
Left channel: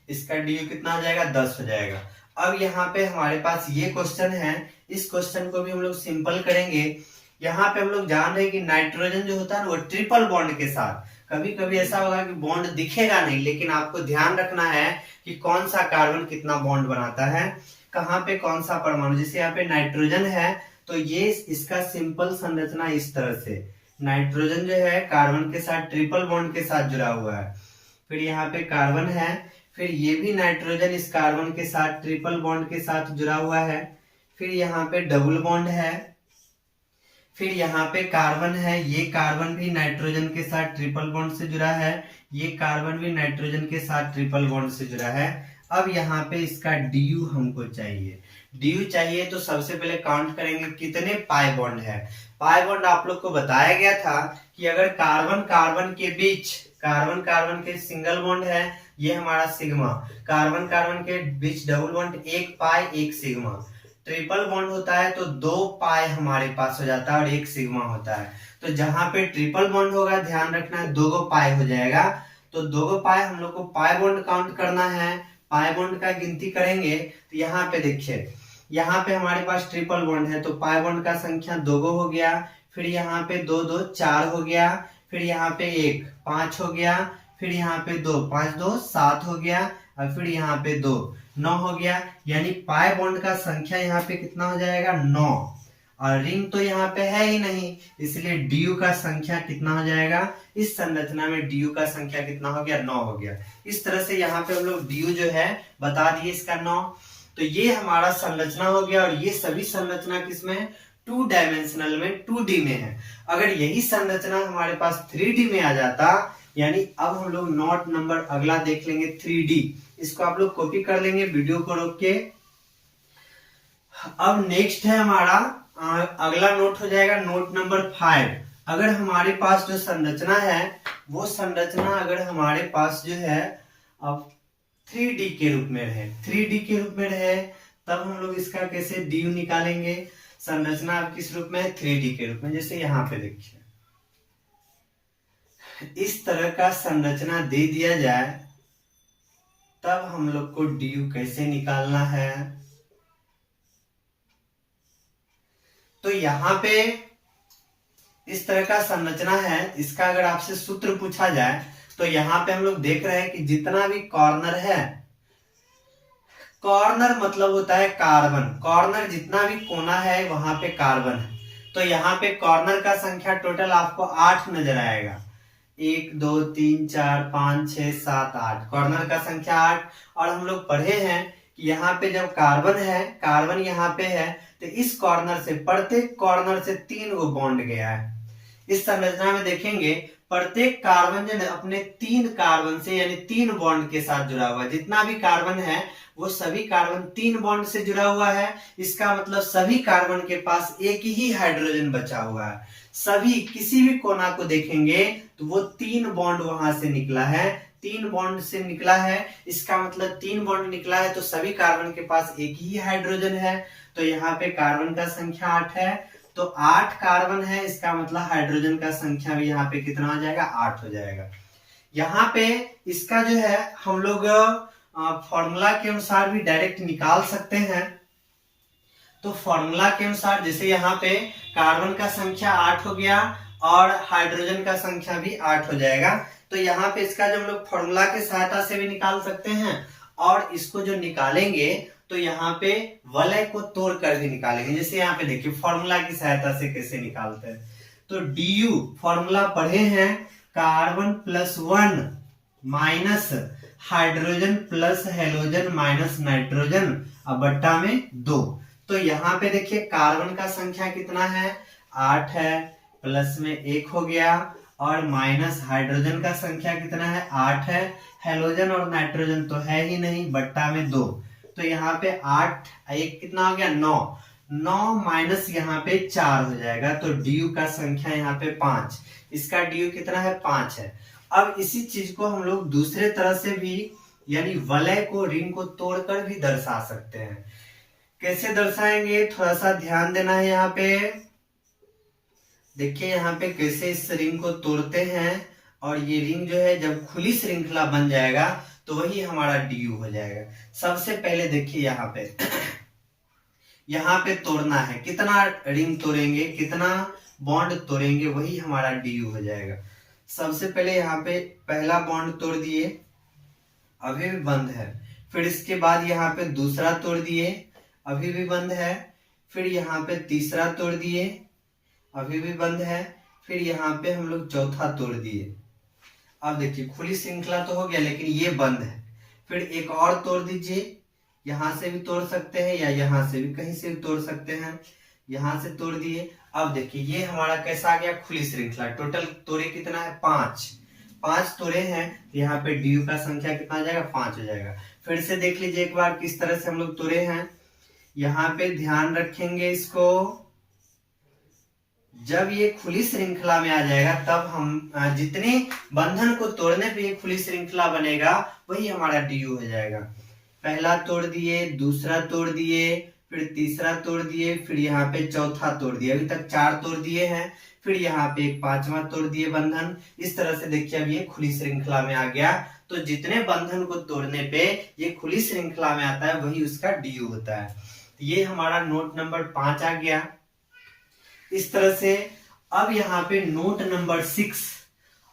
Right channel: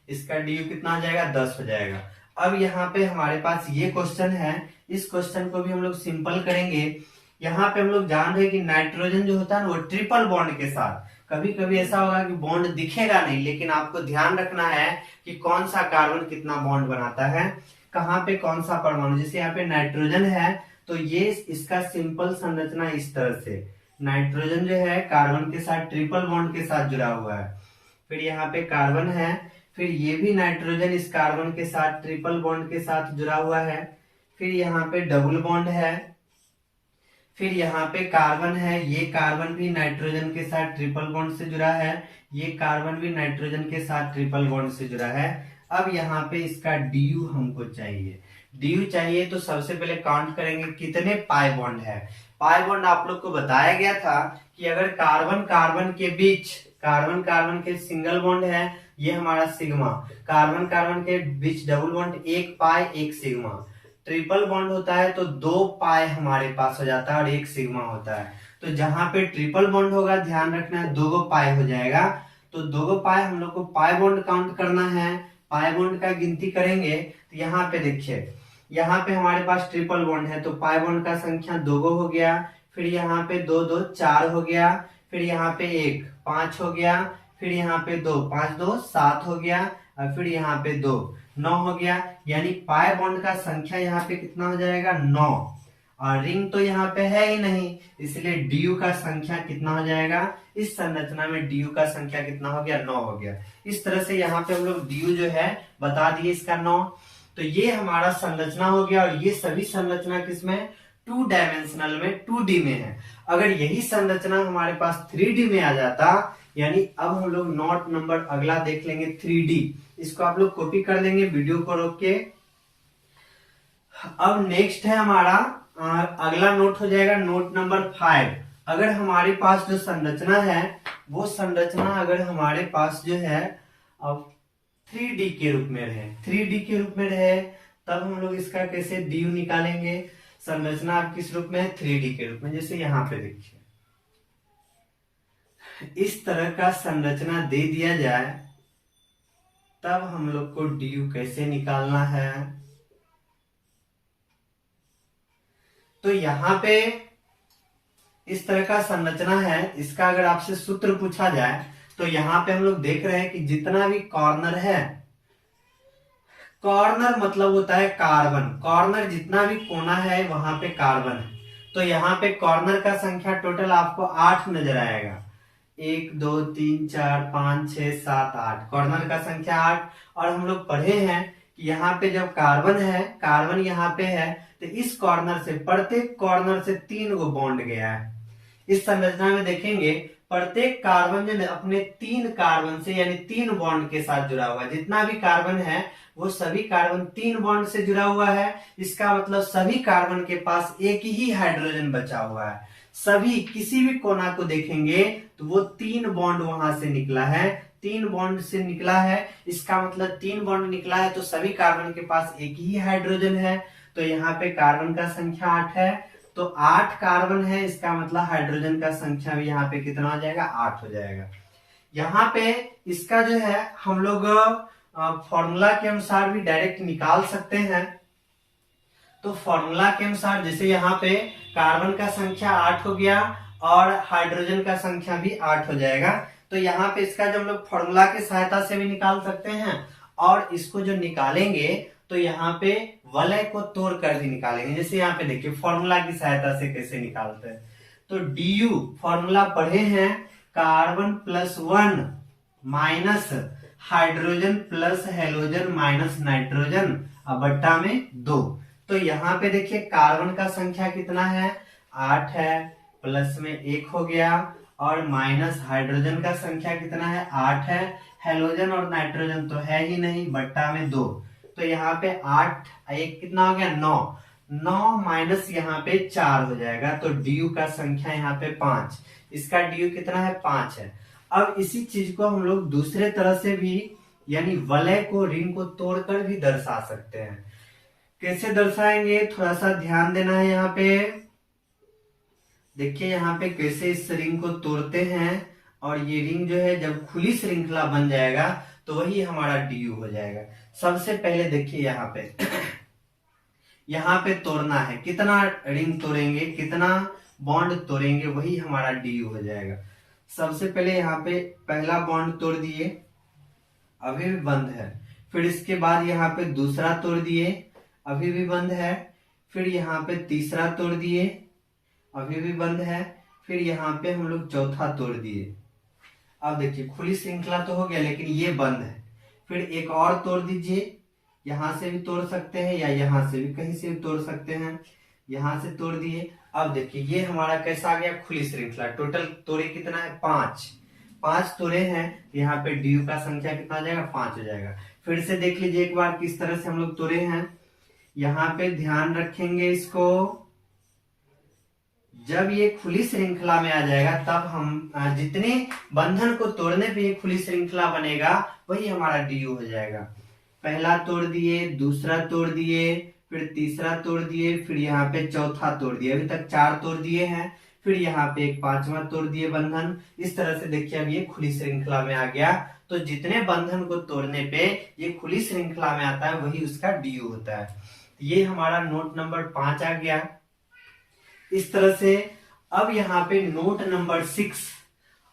इसका डी कितना हो जाएगा 10 हो जाएगा। अब यहाँ पे हमारे पास ये क्वेश्चन है, इस क्वेश्चन को भी हम लोग सिंपल करेंगे। यहाँ पे हम लोग जान रहे हैं कि नाइट्रोजन जो होता है ना वो ट्रिपल बॉन्ड के साथ, कभी कभी ऐसा होगा कि बॉन्ड दिखेगा नहीं, लेकिन आपको ध्यान रखना है कि कौन सा कार्बन कितना बॉन्ड बनाता है, कहाँ पे कौन सा परमाणु। जैसे यहाँ पे नाइट्रोजन है तो ये इसका सिंपल संरचना इस तरह से, नाइट्रोजन जो है कार्बन के साथ ट्रिपल बॉन्ड के साथ जुड़ा हुआ है। फिर यहाँ पे कार्बन है, फिर ये भी नाइट्रोजन इस कार्बन के साथ ट्रिपल बॉन्ड के साथ जुड़ा हुआ है। फिर यहाँ पे डबल बॉन्ड है, फिर यहाँ पे कार्बन है, ये कार्बन भी नाइट्रोजन के साथ ट्रिपल बॉन्ड से जुड़ा है, ये कार्बन भी नाइट्रोजन के साथ ट्रिपल बॉन्ड से जुड़ा है। अब यहाँ पे इसका DU हमको चाहिए, DU चाहिए तो सबसे पहले काउंट करेंगे कितने पाई बॉन्ड है। पाई बॉन्ड आप लोग को बताया गया था कि अगर कार्बन कार्बन के बीच, कार्बन कार्बन के सिंगल बॉन्ड है, ये हमारा सिग्मा, कार्बन कार्बन के बीच डबल बॉन्ड 1 पाई 1 सिग्मा, ट्रिपल बॉन्ड होता है तो 2 पाई हमारे पास हो जाता है और 1 सिग्मा होता है। तो जहां पे ट्रिपल बॉन्ड होगा ध्यान रखना है 2 पाई हो जाएगा, तो 2 पाई हम लोग को पाई बॉन्ड काउंट करना है। पाई बॉन्ड का गिनती करेंगे तो यहाँ पे देखिए, यहाँ पे हमारे पास ट्रिपल बॉन्ड है तो पाई बॉन्ड का संख्या 2 हो गया, फिर यहाँ पे 2 2 4 हो गया, फिर यहाँ पे 1 5 हो गया, फिर यहाँ पे 2 5 2 7 हो गया, और फिर यहाँ पे 2 9 हो गया। यानी पाई बॉन्ड का संख्या यहाँ पे कितना हो जाएगा 9, और रिंग तो यहाँ पे है ही नहीं, इसलिए DU का संख्या कितना हो जाएगा, इस संरचना में DU का संख्या कितना हो गया 9 हो गया। इस तरह से यहाँ पे हम लोग DU जो है बता दिए इसका 9। तो ये हमारा संरचना हो गया, और ये सभी संरचना किसमें 2 डायमेंशनल में 2D में है। अगर यही संरचना हमारे पास 3D में आ जाता, यानी अब हम लोग नोट नंबर अगला देख लेंगे 3D, इसको आप लोग कॉपी कर लेंगे वीडियो को रोक के। अब नेक्स्ट है हमारा अगला नोट हो जाएगा नोट नंबर 5। अगर हमारे पास जो संरचना है वो संरचना अगर हमारे पास जो है अब 3D के रूप में रहे, 3D के रूप में रहे, तब हम लोग इसका कैसे DU निकालेंगे। संरचना अब किस रूप में है 3D के रूप में। जैसे यहाँ पे देखिए इस तरह का संरचना दे दिया जाए, तब हम लोग को DU कैसे निकालना है। तो यहाँ पे इस तरह का संरचना है, इसका अगर आपसे सूत्र पूछा जाए तो यहाँ पे हम लोग देख रहे हैं कि जितना भी कॉर्नर है, कॉर्नर मतलब होता है कार्बन, कॉर्नर जितना भी कोना है वहां पे कार्बन है। तो यहाँ पे कॉर्नर का संख्या टोटल आपको 8 नजर आएगा, 1 2 3 4 5 6 7 8, कॉर्नर का संख्या 8। और हम लोग पढ़े हैं कि यहाँ पे जब कार्बन है, कार्बन यहाँ पे है, तो इस कॉर्नर से प्रत्येक कॉर्नर से 3 गो बॉन्ड गया है। इस संरचना में देखेंगे प्रत्येक कार्बन जो अपने 3 कार्बन से यानी 3 बॉन्ड के साथ जुड़ा हुआ है। जितना भी कार्बन है वो सभी कार्बन 3 बॉन्ड से जुड़ा हुआ है। इसका मतलब सभी कार्बन के पास एक ही हाइड्रोजन बचा हुआ है। सभी किसी भी कोना को देखेंगे तो वो 3 बॉन्ड वहां से निकला है, 3 बॉन्ड से निकला है। इसका मतलब 3 बॉन्ड निकला है तो सभी कार्बन के पास एक ही हाइड्रोजन है। तो यहाँ पे कार्बन का संख्या 8 है, तो 8 कार्बन है, इसका मतलब हाइड्रोजन का संख्या भी यहाँ पे कितना हो जाएगा 8 हो जाएगा। यहाँ पे इसका जो है हम लोग फॉर्मूला के अनुसार भी डायरेक्ट निकाल सकते हैं। तो फॉर्मूला के अनुसार जैसे यहाँ पे कार्बन का संख्या 8 हो गया और हाइड्रोजन का संख्या भी 8 हो जाएगा, तो यहाँ पे इसका जो हम लोग फॉर्मूला की सहायता से भी निकाल सकते हैं और इसको जो निकालेंगे तो यहाँ पे वलय को तोड़ कर भी निकालेंगे। जैसे यहाँ पे देखिए फॉर्मूला की सहायता से कैसे निकालते हैं, तो डी फॉर्मूला पढ़े हैं, carbon +1 minus hydrogen plus halogen minus nitrogen अब बट्टा में 2। तो यहाँ पे देखिए कार्बन का संख्या कितना है 8 है, प्लस में 1 हो गया और माइनस हाइड्रोजन का संख्या कितना है 8 है, हेलोजन और नाइट्रोजन तो है ही नहीं, बट्टा में 2। तो यहाँ पे 8 1 कितना हो गया 9 माइनस यहाँ पे 4 हो जाएगा, तो डी का संख्या यहाँ पे 5, इसका डी कितना है 5 है। अब इसी चीज को हम लोग दूसरे तरह से भी यानी वलय को रिंग को तोड़कर भी दर्शा सकते हैं। कैसे दर्शाएंगे थोड़ा सा ध्यान देना है। यहाँ पे देखिए यहाँ पे कैसे इस रिंग को तोड़ते हैं और ये रिंग जो है जब खुली श्रृंखला बन जाएगा तो वही हमारा डी हो जाएगा। सबसे पहले देखिए यहाँ पे यहाँ पे तोड़ना है, कितना रिंग तोड़ेंगे कितना बॉन्ड तोड़ेंगे वही हमारा डी हो जाएगा। सबसे पहले यहाँ पे पहला बॉन्ड तोड़ दिए, अभी भी बंद है, फिर इसके बाद यहाँ पे दूसरा तोड़ दिए, अभी भी बंद है, फिर यहाँ पे तीसरा तोड़ दिए, अभी भी बंद है, फिर यहाँ पे हम लोग चौथा तोड़ दिए। अब देखिए खुली श्रृंखला तो हो गया लेकिन ये बंद है, फिर एक और तोड़ दीजिए, यहां से भी तोड़ सकते हैं या यहां से भी कहीं से भी तोड़ सकते हैं, यहां से तोड़ दिए। अब देखिए ये हमारा कैसा आ गया खुली श्रृंखला। टोटल तोड़े कितना है 5 तोड़े हैं, तो यहाँ पे डी का संख्या कितना आ जाएगा 5 हो जाएगा। फिर से देख लीजिए एक बार किस तरह से हम लोग तोड़े हैं। यहाँ पे ध्यान रखेंगे इसको, जब ये खुली श्रृंखला में आ जाएगा तब हम जितने बंधन को तोड़ने पे ये खुली श्रृंखला बनेगा वही हमारा डी हो जाएगा। पहला तोड़ दिए, दूसरा तोड़ दिए, फिर तीसरा तोड़ दिए, फिर यहाँ पे चौथा तोड़ दिए, अभी तक 4 तोड़ दिए हैं, फिर यहाँ पे एक 5वां तोड़ दिए बंधन। इस तरह से देखिए अब ये खुली श्रृंखला में आ गया। तो जितने बंधन को तोड़ने पे ये खुली श्रृंखला में आता है वही उसका डी होता है। ये हमारा नोट नंबर 5 आ गया। इस तरह से अब यहाँ पे नोट नंबर 6,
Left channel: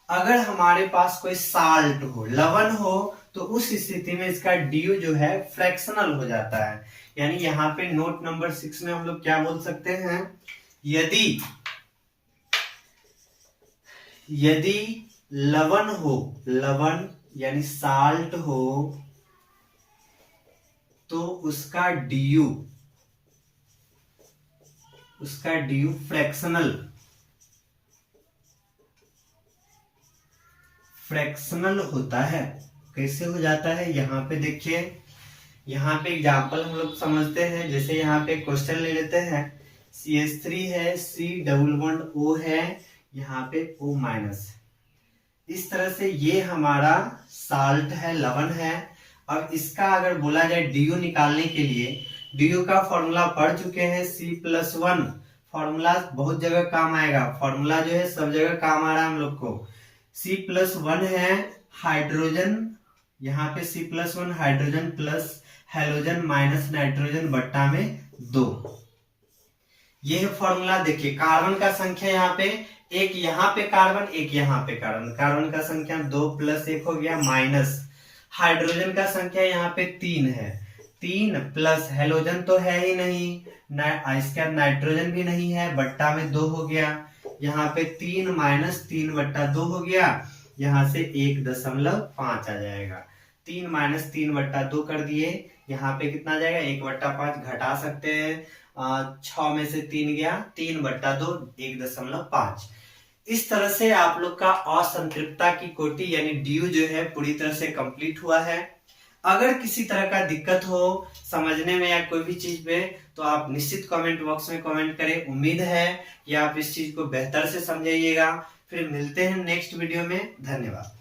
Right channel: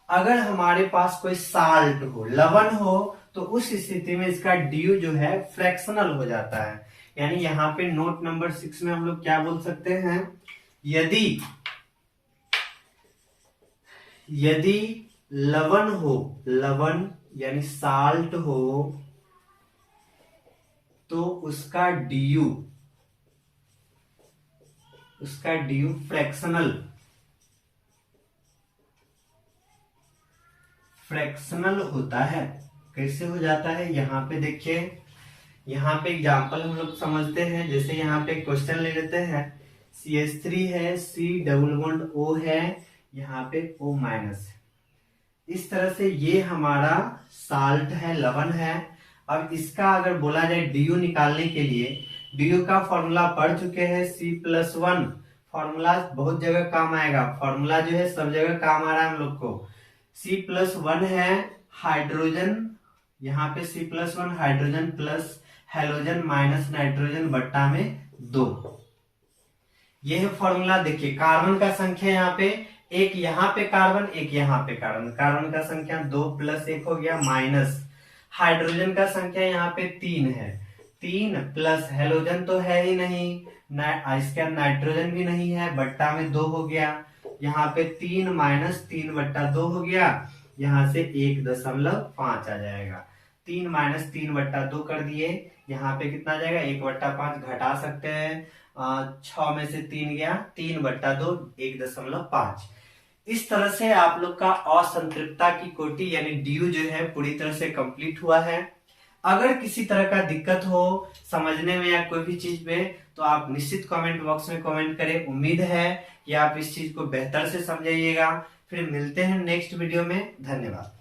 अगर हमारे पास कोई साल्ट हो लवण हो तो उस स्थिति में इसका ड्यू जो है फ्रैक्शनल हो जाता है। यानी यहाँ पे नोट नंबर 6 में हम लोग क्या बोल सकते हैं, यदि लवण हो, लवण यानी साल्ट हो तो उसका ड्यू फ्रैक्शनल होता है। कैसे हो जाता है यहाँ पे देखिए, यहाँ पे एग्जाम्पल हम लोग समझते हैं। जैसे यहाँ पे क्वेश्चन ले लेते हैं, CH3 है, C डबल बॉन्ड O है, यहाँ पे O माइनस। इस तरह से ये हमारा साल्ट है, लवण है। अब इसका अगर बोला जाए ड्यू निकालने के लिए, ड्यू का फॉर्मूला पढ़ चुके हैं, C+1 फॉर्मूला बहुत जगह काम आएगा, फॉर्मूला जो है सब जगह काम आ रहा है हम लोग को। C+1 है हाइड्रोजन, यहाँ पे C+1 hydrogen plus halogen minus nitrogen बट्टा में 2। ये है फॉर्मूला। देखिए कार्बन का संख्या यहाँ पे एक, यहाँ पे कार्बन एक, यहाँ पे कार्बन, कार्बन का संख्या 2 प्लस 1 हो गया, माइनस हाइड्रोजन का संख्या यहाँ पे 3 है, 3 प्लस हेलोजन तो है ही नहीं, इसका नाइट्रोजन भी नहीं है, बट्टा में 2 हो गया। यहाँ पे 3 माइनस 3 बट्टा 2 हो गया, यहाँ से 1.5 आ जाएगा। 3 माइनस 3 बट्टा 2 कर दिए, यहाँ पे कितना जाएगा 1/5 घटा सकते हैं, 6 में से 3 गया, 3/2 1.5। इस तरह से आप लोग का असंतृप्तता की कोटि यानी ड्यू जो है पूरी तरह से कंप्लीट हुआ है। अगर किसी तरह का दिक्कत हो समझने में या कोई भी चीज में तो आप निश्चित कमेंट बॉक्स में कमेंट करें। उम्मीद है कि आप इस चीज को बेहतर से समझिएगा। फिर मिलते हैं नेक्स्ट वीडियो में। धन्यवाद।